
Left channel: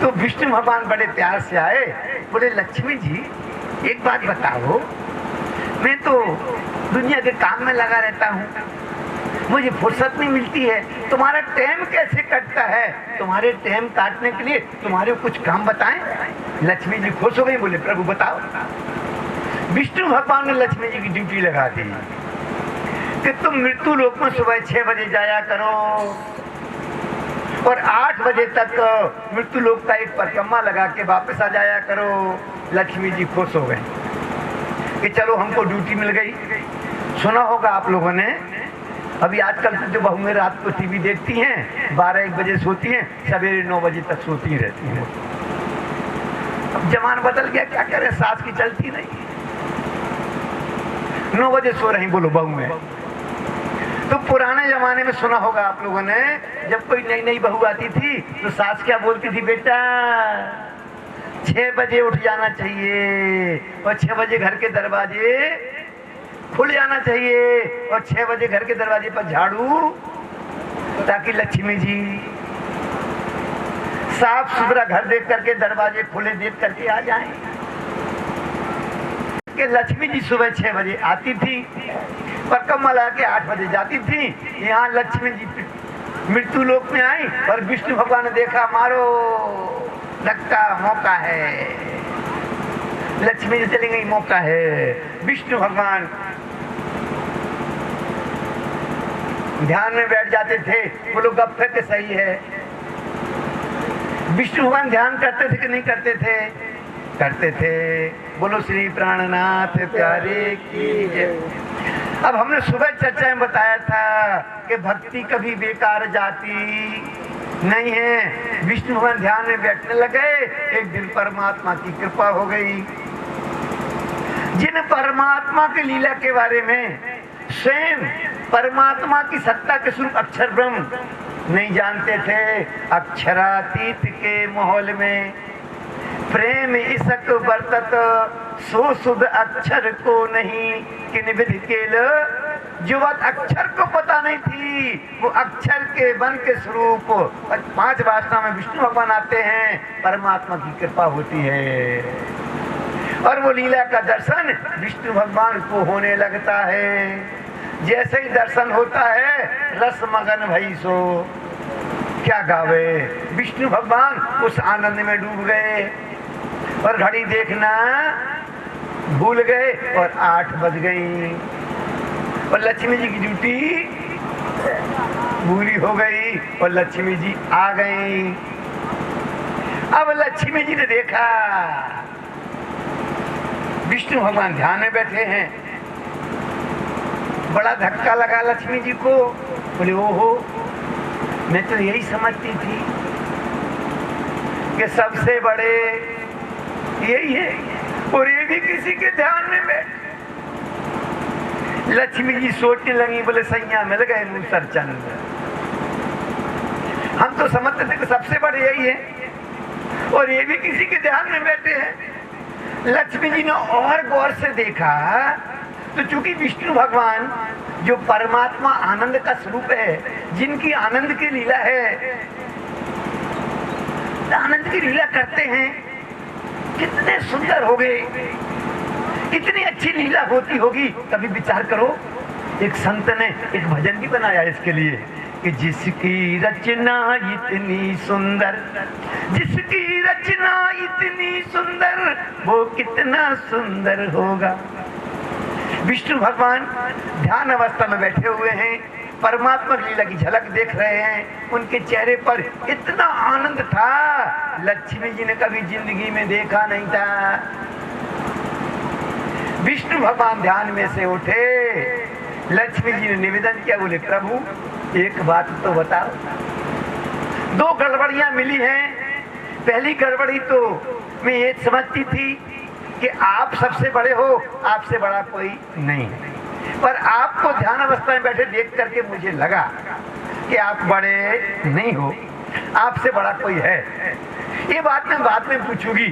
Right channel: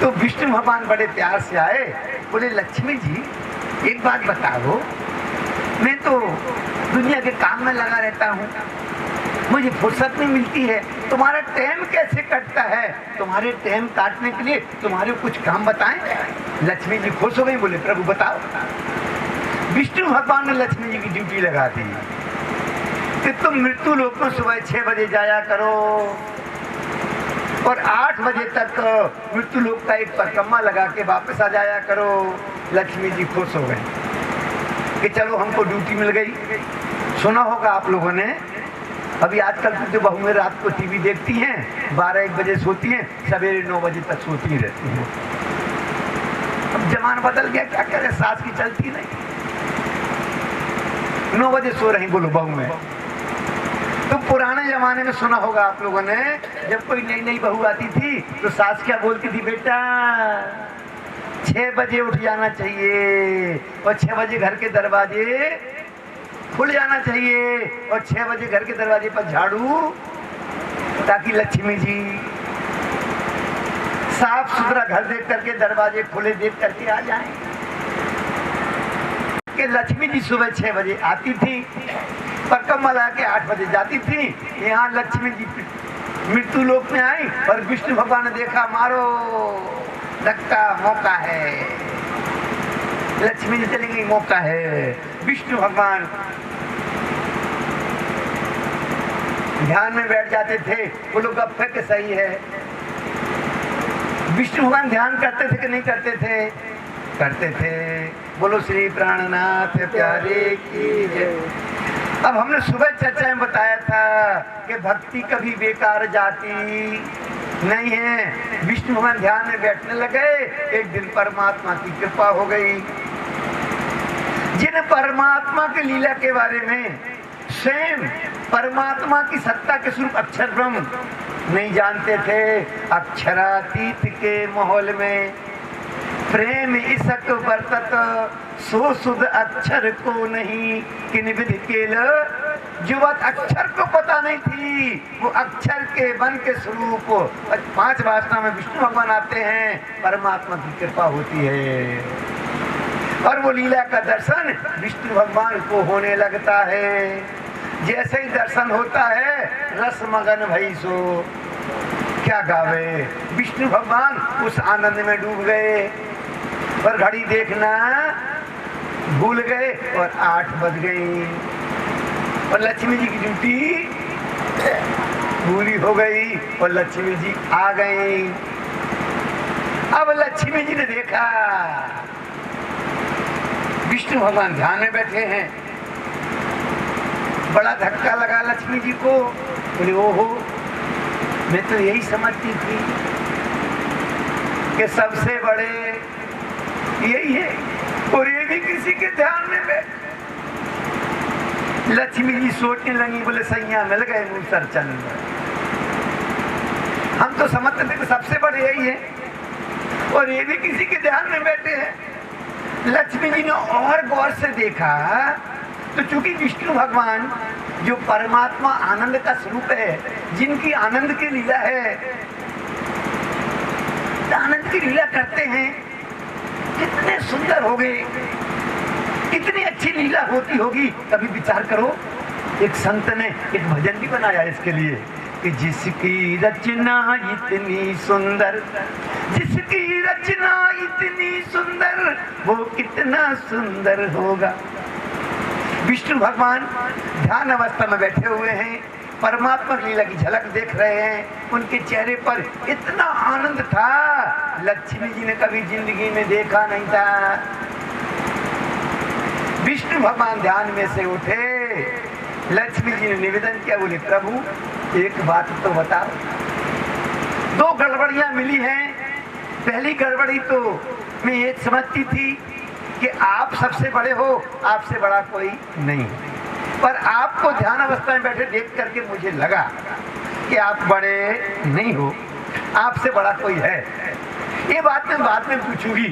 तो विष्णु भगवान बड़े प्यार से आए, बोले लक्ष्मी जी एक बात बताओ, मैं तो दुनिया के काम में लगा रहता हूँ, मुझे फुर्सत नहीं मिलती है, तुम्हारा टाइम कैसे कटता है? तुम्हारे टाइम काटने के लिए तुम्हारे कुछ काम बताएं। लक्ष्मी जी खुश हो गई, बोले प्रभु बताओ। विष्णु भगवान ने लक्ष्मी जी की ड्यूटी लगा दी कि तुम मृत्यु लोक में सुबह 6 बजे जाया करो और 8 बजे तक मृत्यु लोक का एक परिक्रमा लगा के वापस आ जाया करो। लक्ष्मी जी खुश हो गई कि चलो हमको ड्यूटी मिल गई। सुना होगा आप लोगों ने, अभी आजकल जो बहुएं रात को टीवी देखती हैं, 12-1 बजे सोती हैं, सवेरे 9 बजे तक सोती रहती हैं। अब जमाना बदल गया, क्या करें, सास की चलती नहीं, 9 बजे सो रही बोलो बहुएं। तो पुराने जमाने में सुना होगा आप लोगों ने, जब कोई नई नई बहू आती थी तो सास क्या बोलती थी, बेटा 6 बजे उठ जाना चाहिए और 6 बजे घर के दरवाजे खुल जाना चाहिए और 6 बजे घर के दरवाजे पर झाड़ू, ताकि लक्ष्मी जी साफ सुथरा घर देख करके दरवाजे खुले देख करके आ जाएं। कि लक्ष्मी जी सुबह 6 बजे आती थी, परिक्रमा लगा के 8 बजे जाती थी। यहाँ लक्ष्मी जी मृत्यु लोक में आई और विष्णु भगवान ने देखा, मारो धक्का, मौका है, लक्ष्मी जी चली गई, मौका है। विष्णु भगवान ध्यान में बैठ जाते थे, वो लोग गप्पे के सही है। विष्णु भगवान ध्यान करते थे कि नहीं करते थे? करते थे। बोलो श्री प्राणनाथ प्यारे की जय। अब हमने सुबह चर्चा में बताया था कि भक्ति कभी बेकार जाती नहीं है। विष्णु भगवान ध्यान में बैठने लगे, एक दिन परमात्मा की कृपा हो गई। जिन परमात्मा की लीला के बारे में स्वयं परमात्मा की सत्ता के स्वरूप अक्षर ब्रह्म नहीं जानते थे। अक्षरातीत के माहौल में प्रेम इसक बरतत सो सुध अक्षर को नहीं किन विधि केल। जो बात अक्षर को पता नहीं थी वो अक्षर के वन के स्वरूप 5 वासना में विष्णु भगवान आते हैं, परमात्मा की कृपा होती है और वो लीला का दर्शन विष्णु भगवान को होने लगता है। जैसे ही दर्शन होता है रस मगन भई सो क्या गावे, विष्णु भगवान उस आनंद में डूब गए और घड़ी देखना भूल गए और 8 बज गई और लक्ष्मी जी की ड्यूटी पूरी हो गई और लक्ष्मी जी आ गई। अब लक्ष्मी जी ने देखा विष्णु भगवान ध्यान में बैठे हैं, बड़ा धक्का लगा लक्ष्मी जी को। बोले ओहो, मैं तो यही समझती थी कि सबसे बड़े यही है और ये भी किसी के ध्यान में बैठ। लक्ष्मी जी सोचने लगी, बोले सैया मिल गए नूसर चंद, हम तो समझते थे कि सबसे बड़े यही है और ये भी किसी के ध्यान में बैठे हैं। लक्ष्मी जी ने और गौर से देखा तो चूंकि विष्णु भगवान जो परमात्मा आनंद का स्वरूप है, जिनकी आनंद की लीला है, आनंद की लीला करते हैं, कितने सुंदर हो गए, कितनी अच्छी लीला होती होगी। कभी विचार करो, एक संत ने एक भजन भी बनाया इसके लिए कि जिसकी रचना इतनी सुंदर, जिसकी रचना इतनी सुंदर, वो कितना सुंदर होगा। विष्णु भगवान ध्यान अवस्था में बैठे हुए हैं, परमात्मा की लीला की झलक देख रहे हैं, उनके चेहरे पर इतना आनंद था, लक्ष्मी जी ने कभी जिंदगी में देखा नहीं था। विष्णु भगवान ध्यान में से उठे, लक्ष्मी जी ने निवेदन किया, बोले प्रभु एक बात तो बताओ। 2 गड़बड़ियां मिली हैं। पहली गड़बड़ी तो मैं ये समझती थी कि आप सबसे बड़े हो, आपसे बड़ा कोई नहीं, पर आपको ध्यान अवस्था में बैठे देख करके मुझे लगा कि आप बड़े नहीं हो, आपसे बड़ा कोई है। ये बात मैं बाद में पूछूंगी,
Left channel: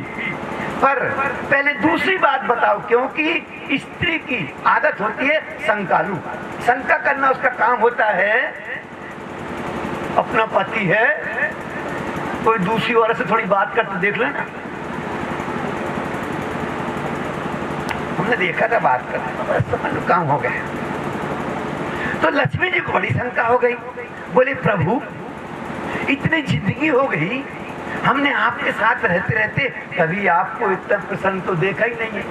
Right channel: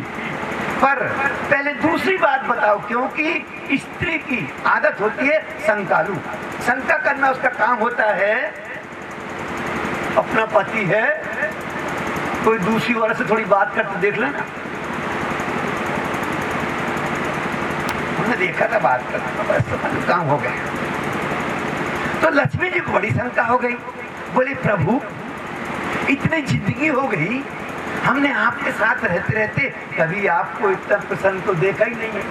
पर पहले दूसरी बात बताओ, क्योंकि स्त्री की आदत होती है शंकालु, शंका करना उसका काम होता है। अपना पति है, कोई दूसरी औरत से थोड़ी बात करते देख लेना, हमने देखा था बात करना, काम हो गया। तो लक्ष्मी जी को बड़ी शंका हो गई, बोले प्रभु इतनी जिंदगी हो गई, हमने आपके साथ रहते रहते कभी आपको इतना प्रसन्न तो देखा ही नहीं है,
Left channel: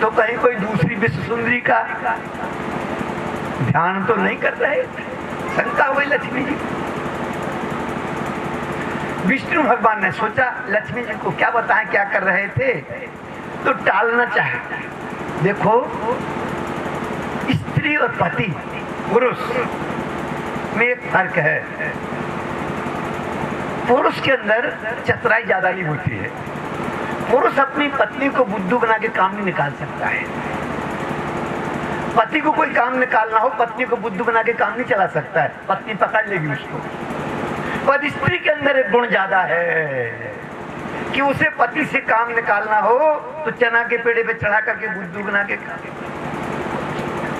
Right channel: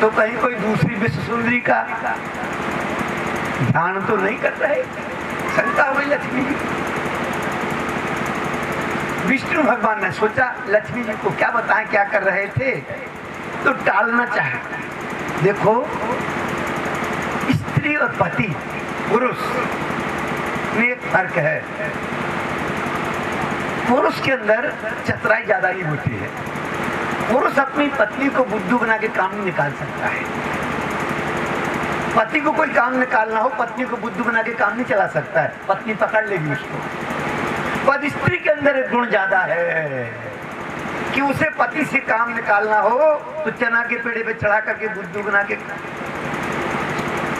तो कहीं कोई दूसरी विश्व सुंदरी का ध्यान तो नहीं कर रहे। शंका हुई लक्ष्मी जी। विष्णु भगवान ने सोचा लक्ष्मी जी को क्या बताएं क्या कर रहे थे, तो टालना चाहे। देखो, स्त्री और पति पुरुष में एक फर्क है। पुरुष के अंदर चतुराई ज्यादा नहीं होती है। पुरुष अपनी पत्नी को बुद्धू बना के काम नहीं निकाल सकता है। पति को कोई काम निकालना हो, पत्नी को बुद्धू बना के काम नहीं चला सकता है, पत्नी पकड़ लेगी उसको। पर स्त्री के अंदर एक गुण ज्यादा है कि उसे पति से काम निकालना हो तो चना के पेड़े पे चढ़ा करके बुद्धू बना के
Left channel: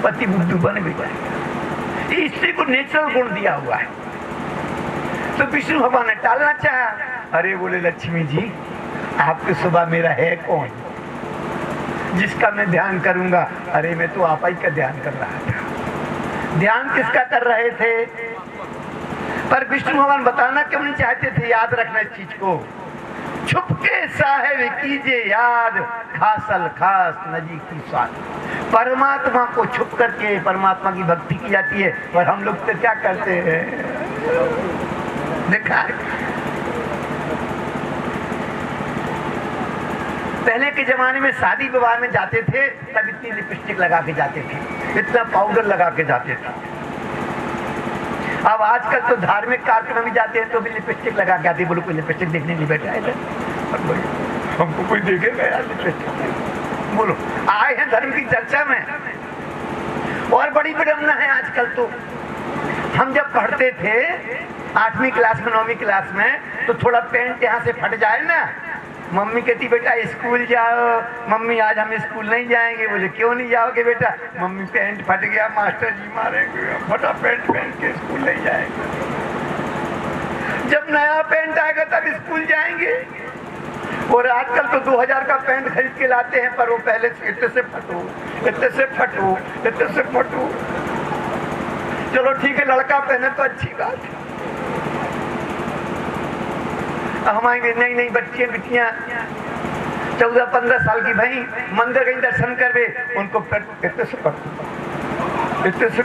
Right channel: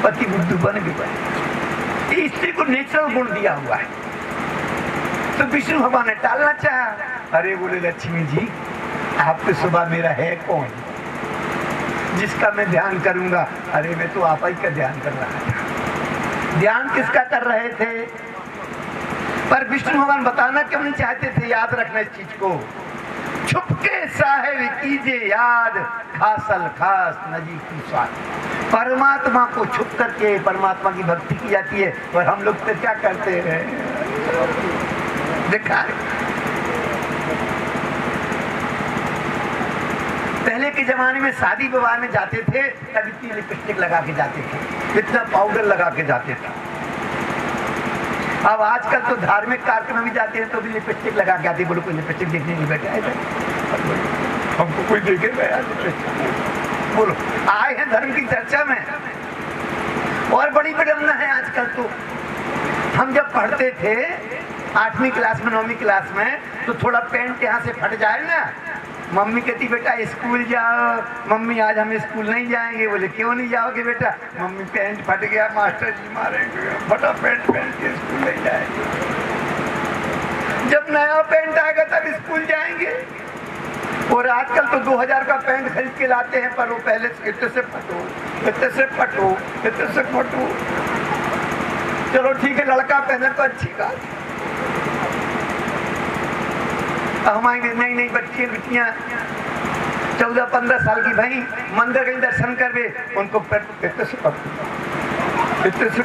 पति बुद्धू बन भी जाए। स्त्री को नेचुरल गुण दिया हुआ है। तो विष्णु भगवान ने टालना चाहा। अरे बोले लक्ष्मी जी, आपके सुबह मेरा है कौन जिसका मैं ध्यान करूंगा? अरे मैं तो आप ही का ध्यान कर रहा था। ध्यान किसका कर रहे थे? पर विष्णु भगवान बताना क्यों नहीं चाहते थे? याद रखना इस चीज को, छुपके साहेब कीजिए याद, खासल खास नजी की स्वाद। परमात्मा को छुप करके परमात्मा की भक्ति की जाती है, पर हम लोग तो क्या करते हैं? देखा, पहले के जमाने में शादी विवाह में जाते थे तब इतनी लिपस्टिक लगा के जाते थे, इतना पाउडर लगा के जाते थे। अब आजकल तो धार्मिक कार्यक्रम में जाते हैं तो भी लिपस्टिक लगा के आते। बोलो कोई लिपस्टिक देखने नहीं बैठा है? हमको कोई देखेगा यार लिपस्टिक? बोलो, आए हैं धर्म की चर्चा में और बड़ी विडम्बना है आजकल तो। हम जब पढ़ते थे 8वीं क्लास में 9वीं क्लास में, तो थोड़ा पेंट यहाँ से फट जाए ना, मम्मी कहती बेटा स्कूल जाओ। मम्मी आज हम स्कूल नहीं जाएंगे। बोले क्यों नहीं जाओगे बेटा? मम्मी पेंट फट गया, मास्टर जी मारेंगे, फटा पेंट पहन के स्कूल नहीं जाएंगे। जब नया पेंट आएगा तब स्कूल जाएंगे। और आजकल तो 2000 का पेंट खरीद के लाते हैं, पर वो पहले इतने से फटो, इतने से फटो, इतने से फटो। चलो ठीक है, लड़का पहने तो अच्छी बात। हमारी नई नई बच्चियां बिटियां 14-15 साल की भाई मंदिर गई दर्शन करवे, उनको इतने से फटो, इतने से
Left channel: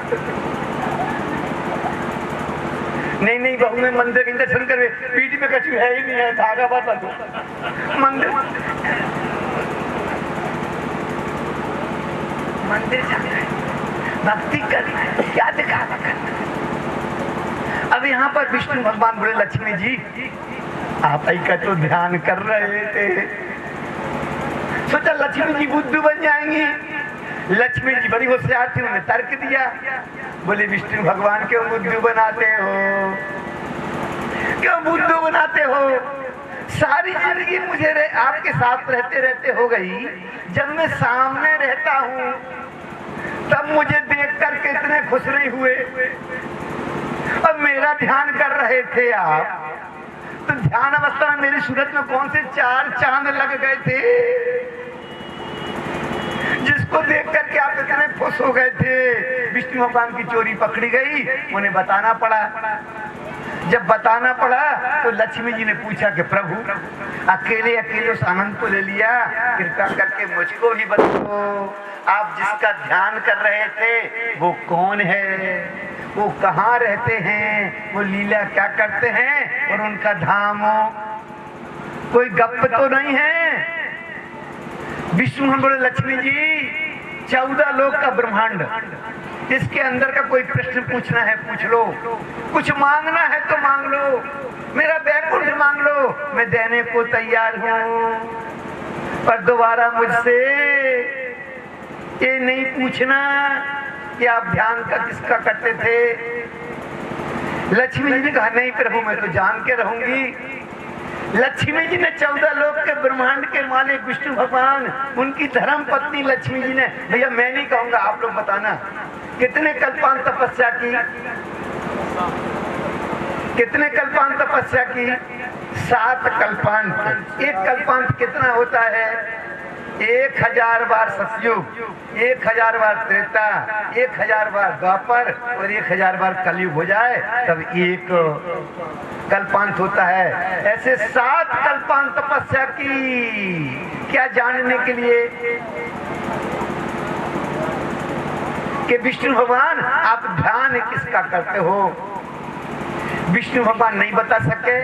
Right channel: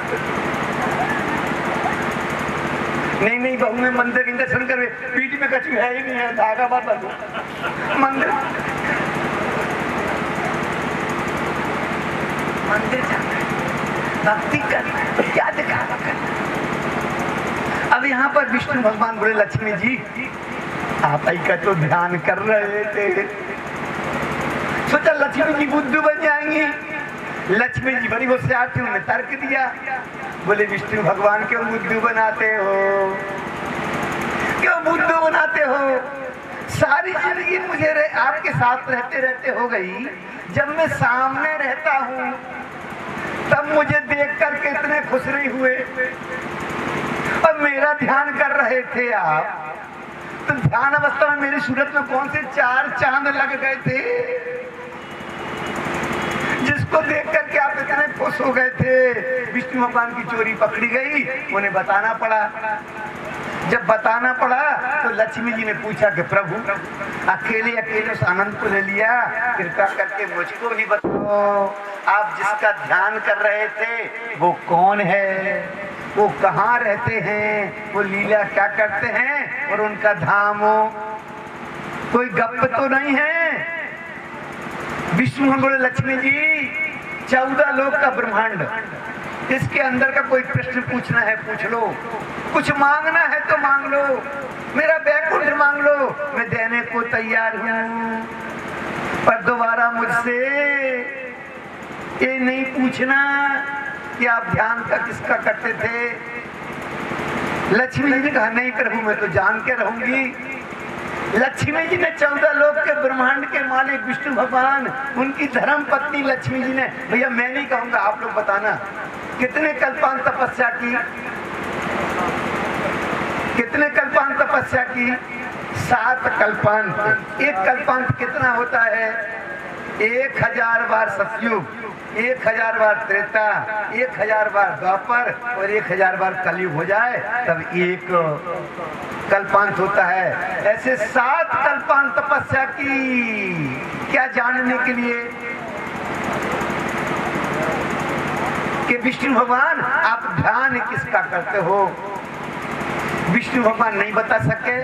नहीं बहू में मंदिर के दर्शन करवे, पीठ में कछु है ही नहीं है, धागा बाता दो मंदिर भक्ति कर क्या दिखा। अब यहाँ पर विष्णु भगवान बोले लक्ष्मी जी आप ही का तो ध्यान कर रहे थे, सोचा लक्ष्मी जी बुद्धू बन जाएंगी। लक्ष्मी जी बड़ी होशियार थी, उन्होंने तर्क दिया। बोले विष्णु भगवान क्यों बुद्धू बनाते हो, क्यों बुद्धू बनाते हो? सारी जिंदगी मुझे आपके साथ रहते रहते हो गई। जब मैं सामने रहता हूँ तब मुझे देख करके इतने खुश नहीं हुए। अब मेरा ध्यान कर रहे थे आप, तो ध्यान अवस्था में मेरी सूरत में कौन से 4 चांद लग गए थे, जिसको देख करके आप इतने खुश हो गए थे। विष्णु भगवान की चोरी पकड़ी गई, उन्हें बताना पड़ा। जब बताना पड़ा तो लक्ष्मी जी ने पूछा कि प्रभु अकेले अकेले उस आनंद को ले लिया, कृपा करके मुझको भी बताओ, आप जिसका ध्यान कर रहे थे वो कौन है, वो कहाँ रहते हैं, वो लीला क्या करते हैं, और उनका धाम हो कोई गप तो नहीं है? विष्णु बोले लक्ष्मी जी 14 लोक का ब्रह्मांड, इसके अंदर का कोई प्रश्न पूछना है पूछ लो, कुछ मांगना है तो मांग लो, मेरा बैकुंठ मांग लो, मैं देने को तैयार हूँ। पर दोबारा मुझसे ये नहीं पूछना कि आप ध्यान का किसका करते थे। लक्ष्मी जी ने कहा नहीं प्रभु मैं तो जान के रहूंगी। लक्ष्मी जी ने 14 लोक के ब्रह्मांड के मालिक विष्णु भगवान, उनकी धर्म पत्नी लक्ष्मी जी ने, भैया मैं नहीं कहूंगा आप लोग बताना, कितने कल्पांत तपस्या की, कितने कल्पांत तपस्या की? 7 कल्पांत। एक कल्पांत कितना होता है? 1000 बार सतयुग, 1000 बार त्रेता, 1000 बार द्वापर और 1000 बार कलयुग हो जाए तब एक कल्पांत होता है। ऐसे 7 कल्पांत तपस्या की, क्या जानने के लिए कि विष्णु भगवान आप ध्यान किसका करते हो। विष्णु भगवान नहीं बता सके।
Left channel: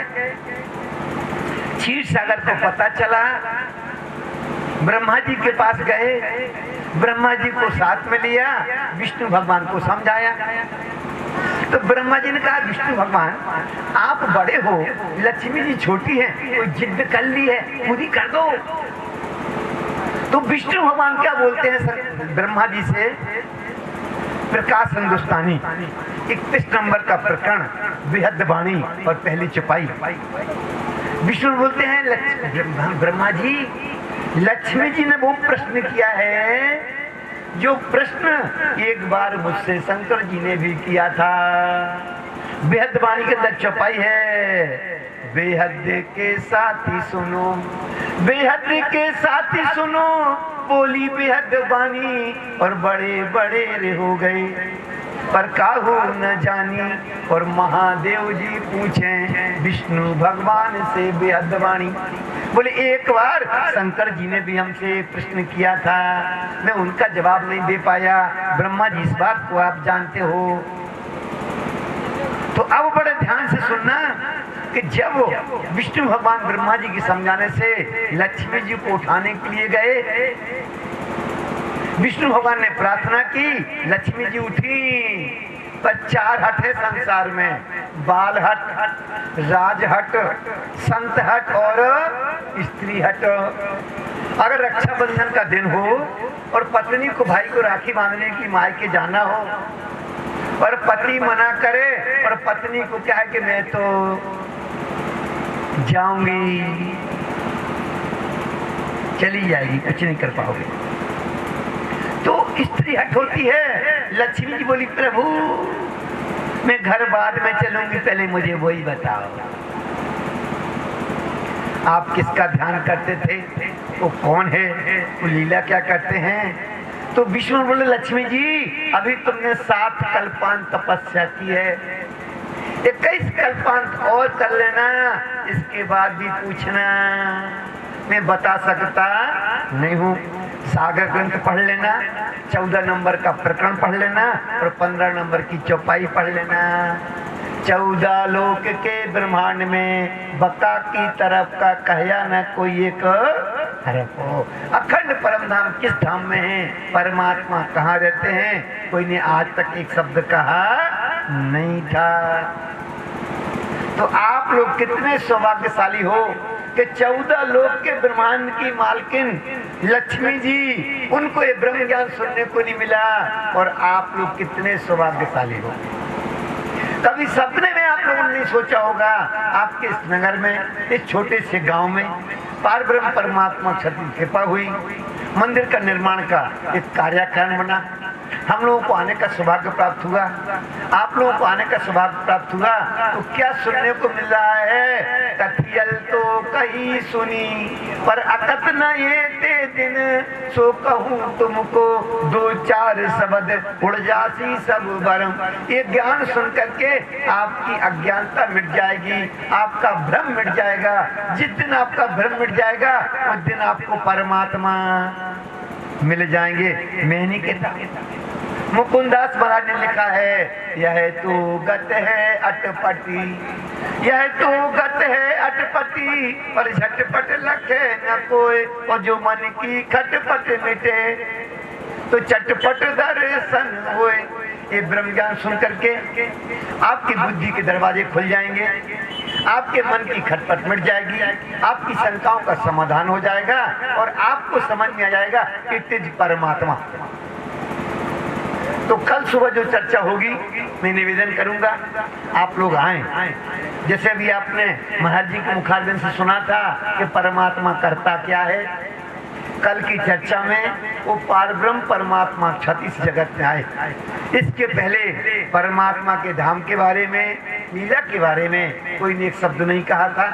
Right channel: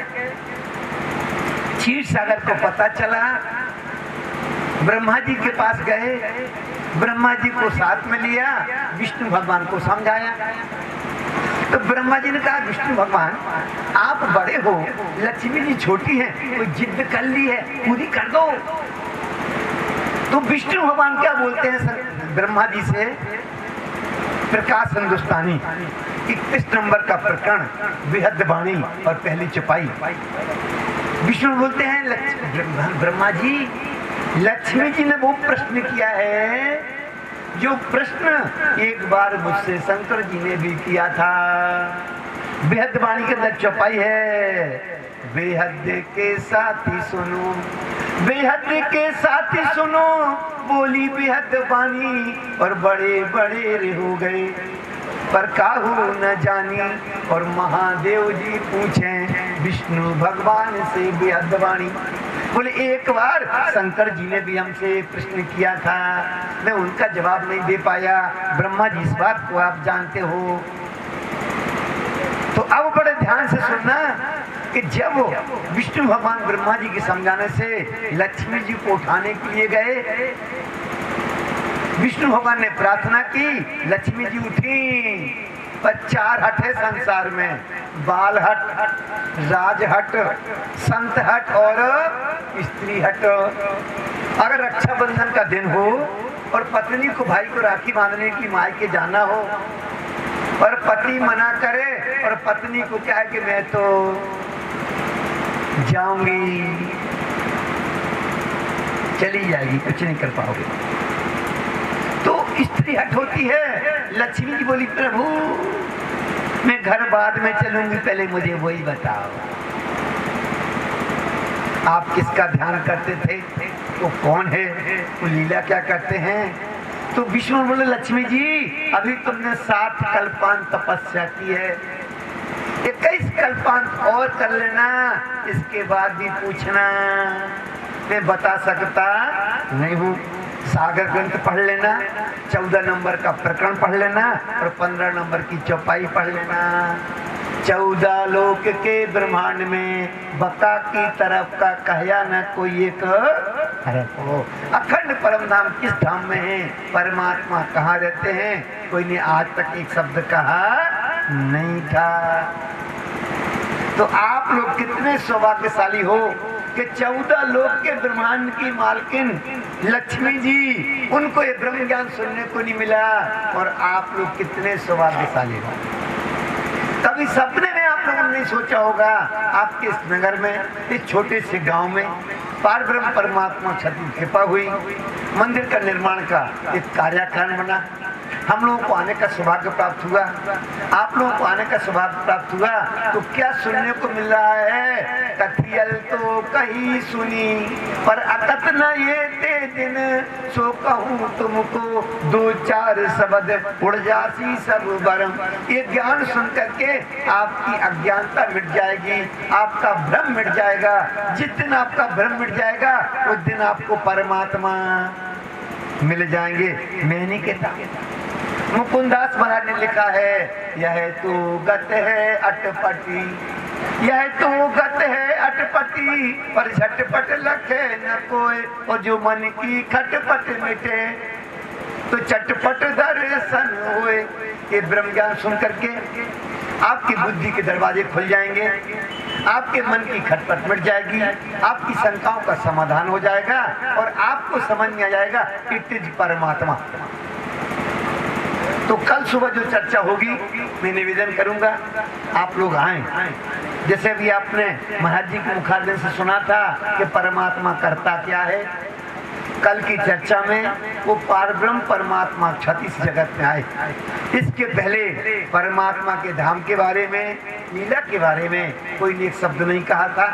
क्षीर सागर को पता चला, ब्रह्मा जी के पास गए, ब्रह्मा जी को साथ में लिया, विष्णु भगवान को समझाया। तो ब्रह्मा जी ने कहा विष्णु भगवान आप बड़े हो, लक्ष्मी जी छोटी है, कोई जिद कर ली है पूरी कर दो। तो विष्णु भगवान क्या बोलते हैं सर ब्रह्मा जी से? प्रकाश हिंदुस्तानी 31 नंबर का प्रकरण, बेहद वाणी और पहली चौपाई। विष्णु बोलते हैं ब्रह्मा जी लक्ष्मी जी ने वो प्रश्न किया है जो प्रश्न एक बार मुझसे शंकर जी ने भी किया था। बेहद वाणी के अंदर चौपाई है, बेहद के साथी सुनो, बेहद के साथी सुनो, बोली बेहद वाणी और बड़े बड़े हो गए पर काहू न जानी। और महादेव जी पूछे विष्णु भगवान से बेहद वाणी। बोले एक बार शंकर जी ने भी हमसे प्रश्न किया था, मैं उनका जवाब नहीं दे पाया। ब्रह्मा जी इस बात को आप जानते हो। तो अब बड़े ध्यान से सुनना कि जब विष्णु भगवान ब्रह्मा जी के समझाने से लक्ष्मी जी को उठाने के लिए गए, विष्णु भगवान ने प्रार्थना की, लक्ष्मी जी उठी। पर 4 हट है संसार में, बाल हट, राज हट, संत हट और स्त्री हट। अगर रक्षाबंधन का दिन हो और पत्नी को भाई को राखी बांधने की मायके जाना हो और पति मना करे और पत्नी को क्या है कि मैं तो जाऊंगी, चली जाएगी, कुछ नहीं कर पाओगे। तो स्त्री हट होती है। लक्ष्मी जी बोली प्रभु मैं घर बाद में चलूंगी, पहले मुझे वही बताओ आप किसका ध्यान करते थे, वो कौन है, वो लीला क्या करते हैं। तो विष्णु बोले लक्ष्मी जी अभी तुमने 7 कल्पांत तपस्या की है, 21 कल्पांत और कर लेना, इसके बाद भी पूछना, मैं बता सकता नहीं हूँ। सागर ग्रंथ पढ़ लेना, 14 नंबर का प्रकरण पढ़ लेना और 15 नंबर की चौपाई पढ़ लेना। 14 लोक के ब्रह्मांड में बका की तरफ का कहया न कोई एक तरफ हो। अखंड परम धाम किस धाम में है, परमात्मा कहाँ रहते हैं, कोई ने आज तक एक शब्द कहा नहीं था। तो आप लोग कितने सौभाग्यशाली हो कि 14 लोक के ब्रह्मांड की मालकिन लक्ष्मी जी, उनको ये ब्रह्म ज्ञान सुनने को नहीं मिला। और आप लोग कितने सौभाग्यशाली हो। कभी सपने में आप लोगों ने सोचा होगा आपके इस नगर में, इस छोटे से गांव में पार ब्रह्म परमात्मा छठी कृपा हुई, मंदिर का निर्माण का एक कार्यक्रम बना, हम लोगों को आने का सौभाग्य प्राप्त हुआ, आप लोगों को आने का सौभाग्य प्राप्त हुआ। तो क्या सुनने को मिल रहा है, कथियल तो कहीं सुनी पर अकत न ये ते दिन, सो कहूँ तुमको 2-4 शब्द उड़ जासी सब बरम। ये ज्ञान सुन करके आपकी अज्ञानता मिट जाएगी, आपका भ्रम मिट जाएगा। जिस दिन आपका भ्रम मिट जाएगा उस दिन आपको परमात्मा मिल जाएंगे। मैंने कहता मुकुंदास महाराज ने लिखा है, यह तो गत है अटपटी, यह तो गत है अटपटी, पर झटपट लखे न कोई, और जो मन की खटपट मिटे तो चटपट दर्शन होए। ये ब्रह्म ज्ञान सुन करके आपकी बुद्धि के दरवाजे खुल जाएंगे, आपके मन की खटपट मिट जाएगी, आपकी शंकाओं का समाधान हो जाएगा और आपको समझ में आ जाएगा कि इट इज परमात्मा। तो कल सुबह जो चर्चा होगी मैं निवेदन करूंगा आप लोग आए। जैसे भी आपने महाराज जी के मुखारबिंद से सुना था कि परमात्मा करता क्या है, कल की चर्चा में वो पारब्रह्म परमात्मा क्षतिस जगत में आए। इसके पहले परमात्मा के धाम के बारे में, लीला के बारे में कोई ने एक शब्द नहीं कहा था।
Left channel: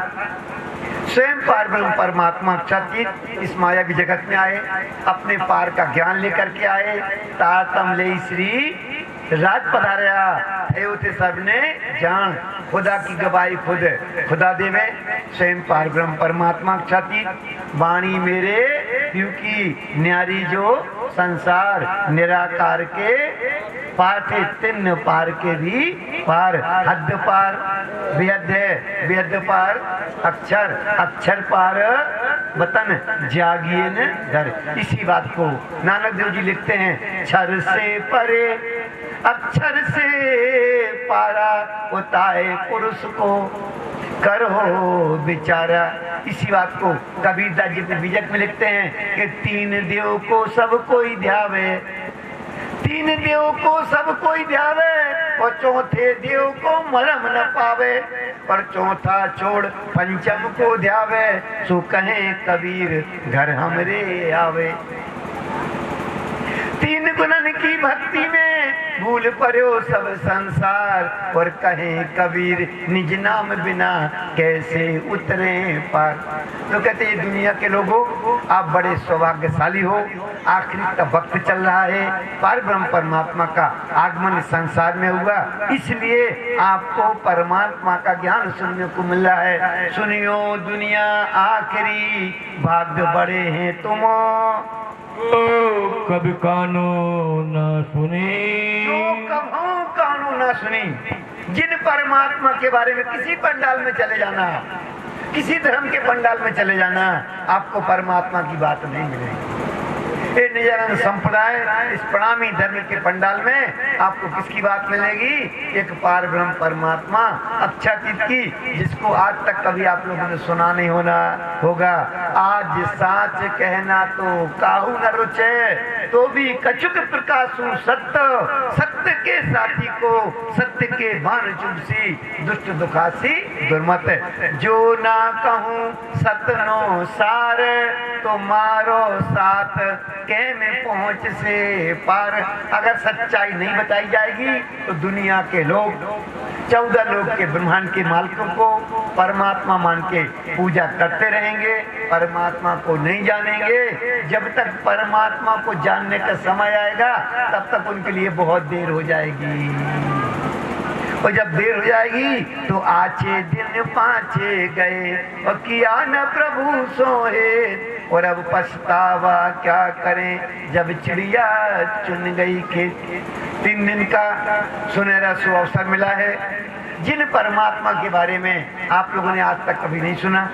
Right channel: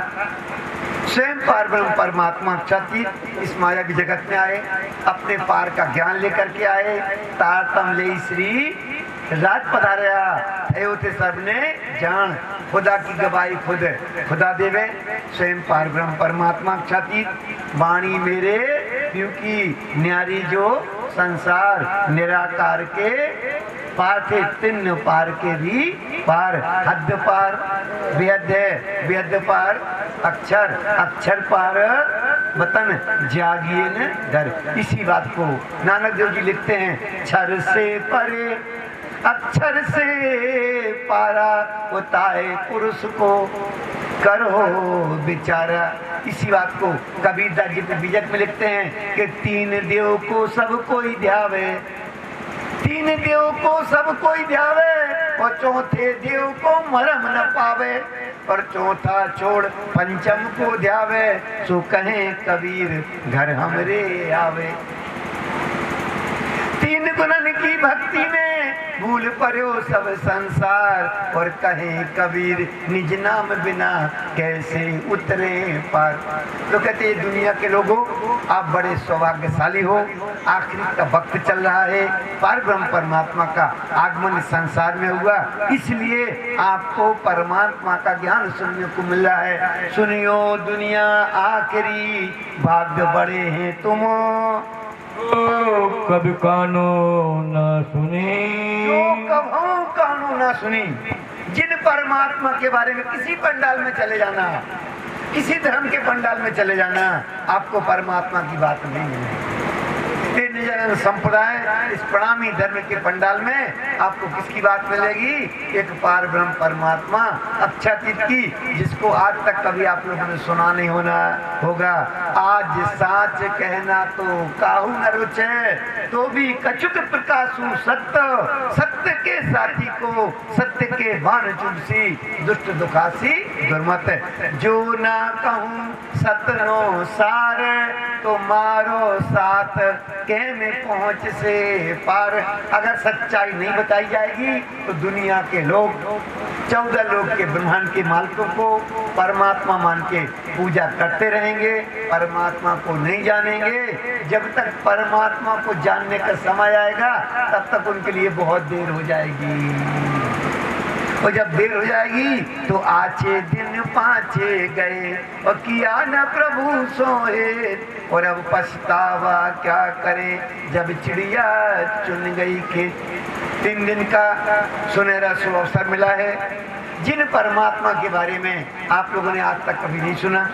स्वयं पारब्रह्म परमात्मा क्षति इस माया की जगत में आए, अपने पार का ज्ञान लेकर के आए। तारतम ले श्री राज पधारया थे सबने जान, खुदा की गवाही खुद खुदा देवे। स्वयं पारब्रह्म परमात्मा क्षति वाणी मेरे क्योंकि न्यारी जो संसार निराकार के पार थे, तिन्न पार के भी पार, हद पार वेद वेद पार, अक्षर अक्षर पार, वतन जागिए न घर। इसी बात को नानक देव जी लिखते हैं, क्षर से परे अक्षर से पारा, उताए पुरुष को करो विचारा। इसी बात को कबीरदास जी बीजक में लिखते हैं कि 3 देव को सब कोई ध्यावे, 3 देव को सब कोई ध्यावे, और चौथे देव को मरम न पावे, पर चौथा छोड़ पंचम को ध्यावे, सो कहे कबीर घर हमरे आवे। 3 गुणन की भक्ति में भूल पड़ो सब संसार, और कहे कबीर निज नाम बिना कैसे उतरे पार। तो कहते हैं दुनिया के लोगों आप बड़े सौभाग्यशाली हो, आखिरी का वक्त चल रहा है, पार ब्रह्म परमात्मा का आगमन संसार में हुआ, इसलिए आपको परमात्मा का ज्ञान सुनने को मिल रहा है। सुनियो दुनिया आखिरी भाग्य बड़े हैं तुम, कभी कानो न सुनी, कभू कानो न सुनी। जिन परमात्मा के बारे में किसी पंडाल में चले जाना, किसी धर्म के पंडाल में चले जाना, आपको परमात्मा की बात नहीं मिलेगी। ये निजानंद संप्रदाय इस प्रणामी धर्म के पंडाल में आपको किसकी बात मिलेगी? एक पार ब्रह्म परमात्मा अक्षातीत की, जिसको आज तक कभी आप लोगों ने सुना नहीं होगा। आज साच कहना तो काहू न रुचे, तो भी कछुक प्रकाशु सत्य, सत्य के साथी को सत्य के भान चुनसी, दुष्ट दुखासी दुर्मत। जो ना कहूँ सतनो सार, तो मारो साथ के में पहुँच से पार। अगर सच्चाई नहीं बताई जाएगी तो दुनिया के लोग 14 लोग के ब्रह्मांड के मालिकों को परमात्मा मान के पूजा करते रहेंगे, परमात्मा को नहीं जानेंगे। जब तक परमात्मा को जानने का समय आएगा तब तक उनके लिए बहुत देर हो जाएगी, और जब देर हो जाएगी तो आचे दिन पाचे गए और किया न प्रभु सोए, और अब पछतावा क्या करें जब चिड़िया चुन गई खेत। 3 दिन का सुनहरा अवसर मिला है। जिन परमात्मा के बारे में आप लोगों ने आज तक कभी नहीं सुना,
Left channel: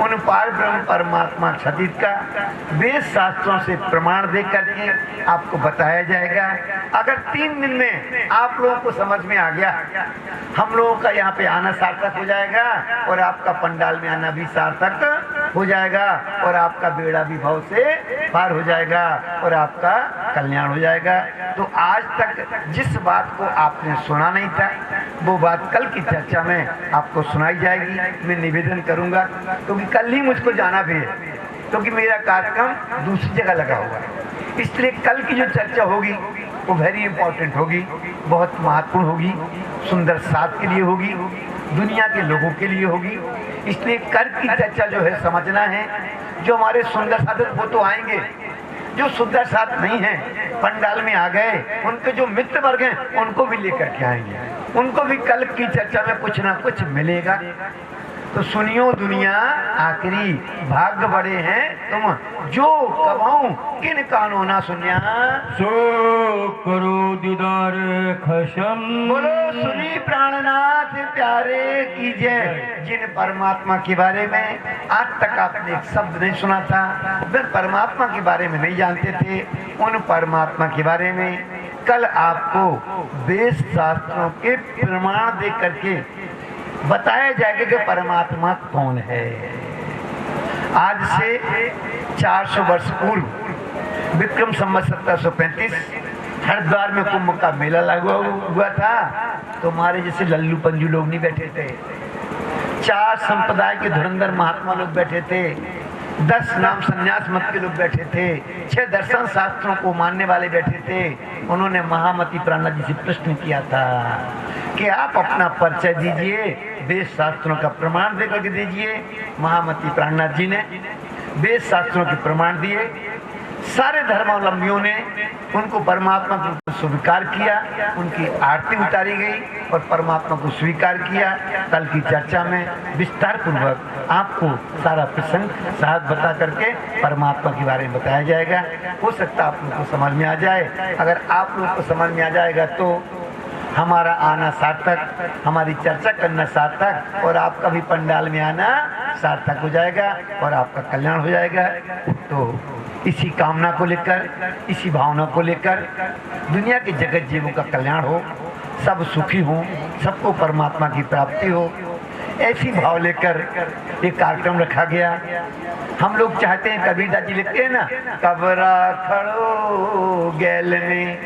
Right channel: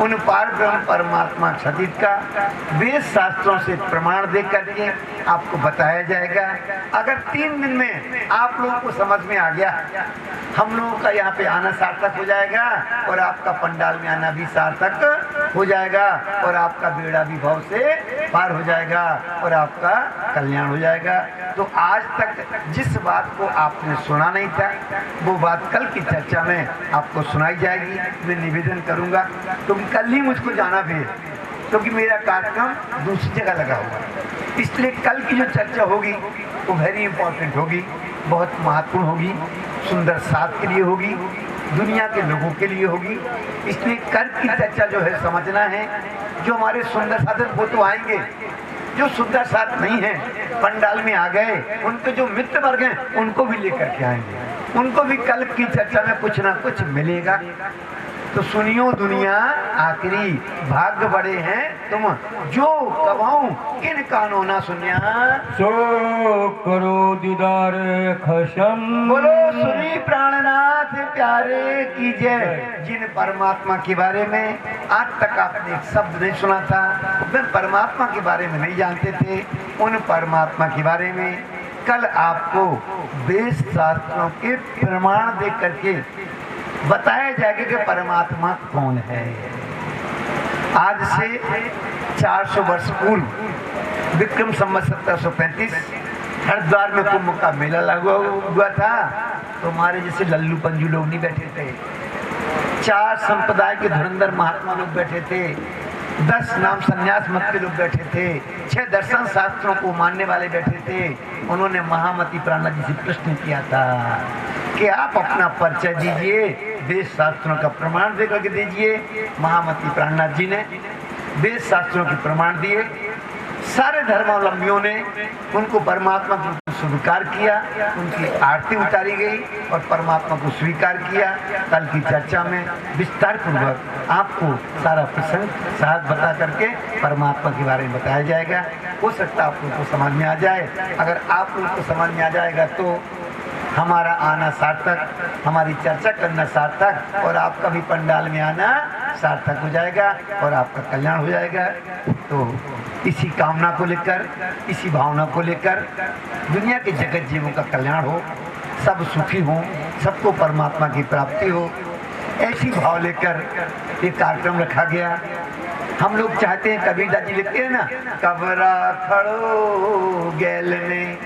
उन पार ब्रह्म परमात्मा क्षतित का वेद शास्त्रों से प्रमाण दे करके आपको बताया जाएगा। अगर 3 दिन में आप लोगों को समझ में आ गया, हम लोगों का यहाँ पे आना सार्थक हो जाएगा, और आपका पंडाल में आना भी सार्थक हो जाएगा, और आपका बेड़ा भी भाव से पार हो जाएगा, और आपका कल्याण हो जाएगा। तो आज तक जिस बात को आपने सुना नहीं था, वो बात कल की चर्चा में आपको सुनाई जाएगी। मैं निवेदन करूंगा, क्योंकि कल ही मुझको जाना भी है, क्योंकि मेरा कार्यक्रम दूसरी जगह लगा हुआ है। इसलिए कल की जो चर्चा होगी वो वेरी इंपॉर्टेंट होगी, बहुत महत्वपूर्ण होगी, सुंदर साथ के लिए होगी, दुनिया के लोगों के लिए होगी। इसलिए कल की चर्चा जो है समझना है। जो हमारे सुंदर साधक वो तो आएंगे, जो सुंदर साथ नहीं है पंडाल में आ गए, उनके जो मित्र वर्ग हैं उनको भी लेकर के आएंगे, उनको भी कल की चर्चा में कुछ ना कुछ मिलेगा। तो सुनियो दुनिया आखिरी भाग्य बड़े हैं तुम, जो कबाऊं किन कानों ना सुनिया, सो करो दीदार खशम। बोलो सुनी प्राणनाथ प्यारे की जय। जिन परमात्मा के बारे में आज तक आपने एक शब्द नहीं सुना था, जिन परमात्मा के बारे में नहीं जानते थे, उन परमात्मा के बारे में कल आपको वेद शास्त्रों के प्रमाण दे करके बताया जाएगा कि परमात्मा कौन है। आज से 400 वर्ष पूर्व विक्रम संवत 1735 हरिद्वार में कुंभ का मेला लगा हुआ था। तो हमारे जैसे लल्लू पंजू लोग नहीं बैठे थे, 4 संप्रदाय के धुरंधर महात्मा लोग बैठे थे, 10 नाम संन्यास मत के लोग बैठे थे, 6 दर्शन शास्त्रों को मानने वाले बैठे थे। उन्होंने महामती प्राणनाथ जी से प्रश्न किया था कि आप अपना परिचय दीजिए, वेद शास्त्रों का प्रमाण दे करके दीजिए। महामती प्राणनाथ जी ने वेद शास्त्रों के प्रमाण दिए। सारे धर्मावलंबियों ने उनको परमात्मा को स्वीकार किया, उनकी आरती उतारी गई और परमात्मा को स्वीकार किया। कल की चर्चा में विस्तार पूर्वक आपको सारा प्रसंग साथ बता करके परमात्मा के बारे में बताया जाएगा। हो सकता है आप लोगों को समझ में आ जाए। अगर आप लोगों को समझ में आ जाएगा तो हमारा आना सार्थक, हमारी चर्चा करना सार्थक, और आपका भी पंडाल में आना सार्थक हो जाएगा और आपका कल्याण हो जाएगा। तो इसी कामना को लेकर, इसी भावना को लेकर दुनिया के जगत जीवों का कल्याण हो, सब सुखी हो, सबको परमात्मा की प्राप्ति हो, ऐसी भाव लेकर ये कार्यक्रम रखा गया। हम लोग चाहते हैं, कबीरदास जी लिखते हैं ना, कबरा खड़ो गैल में,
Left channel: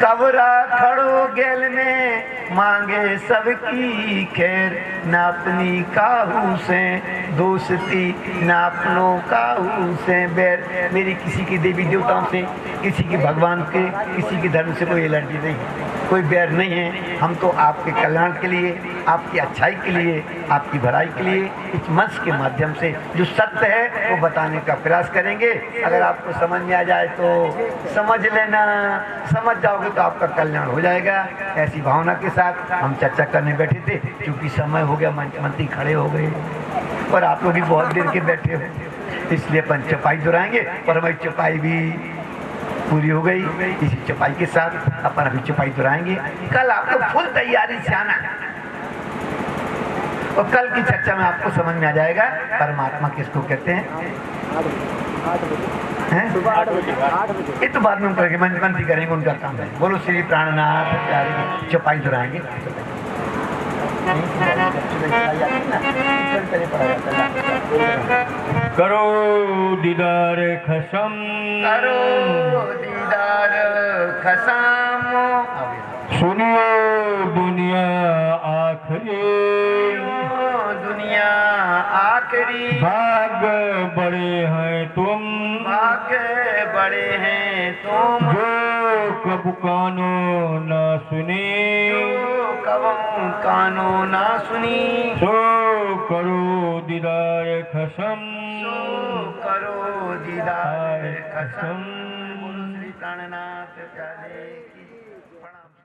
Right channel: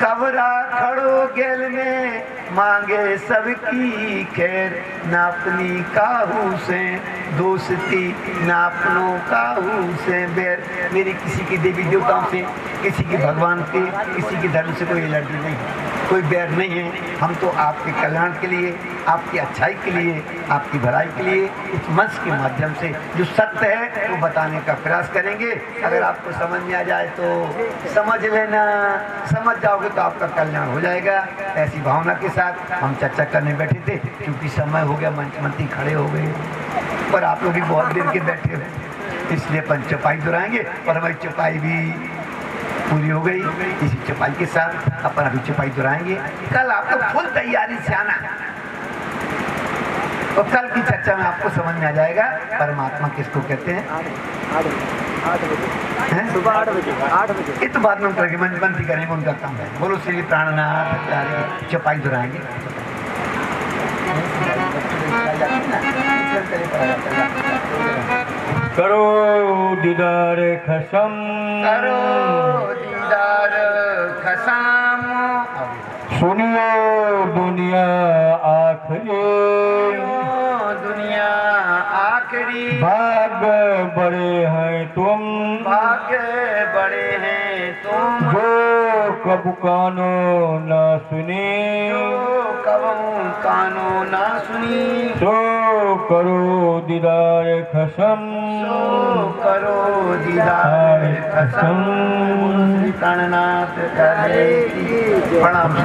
कबरा खड़ो गैल में मांगे सबकी खैर, ना अपनी काहू से दोस्ती, ना अपनों काहू से बैर। मेरी किसी के देवी देवताओं से, किसी के भगवान के, किसी के धर्म से कोई एलर्जी नहीं है, कोई बैर नहीं है। हम तो आपके कल्याण के लिए, आपकी अच्छाई के लिए, आपकी भलाई के लिए इस मंच के माध्यम से जो सत्य है वो बताने का प्रयास करेंगे। अगर आपको समझ में आ जाए तो समझ लेना, समझ जाओगे तो आपका कल्याण हो जाएगा। ऐसी भावना के साथ हम चर्चा करने बैठे थे, क्योंकि समय हो गया, मंत्री खड़े हो गए और आप लोग भी बहुत देर के बैठे हो, इसलिए अपन चौपाई दोहराएंगे। और हमारी चौपाई भी पूरी हो गई। इसी चौपाई के साथ अपन अभी चौपाई दोहराएंगे। कल आपको फुल तैयारी से आना, और कल की चर्चा में आपको समझ में आ जाएगा परमात्मा किसको कहते हैं। हैं? सुबह 8 बजे 8 बजे। ये तो बाद में हम करेंगे, मंत्री करेंगे उनका काम है। बोलो श्री प्राणनाथ प्यारे की चौपाई दोहराएंगे। करो दीदार खसम करो दीदार खसम, सुनियो दुनिया आखिरी दुनिया आखिरी, भाग बड़े हैं तुम भाग्य बड़े हैं तुम, जो कब कानो ना सुनी कबहू कानो ना सुनी, सो करो दीदार खसम करो दीदार खसम। श्री प्राणनाथ प्यारे की प्रणाम।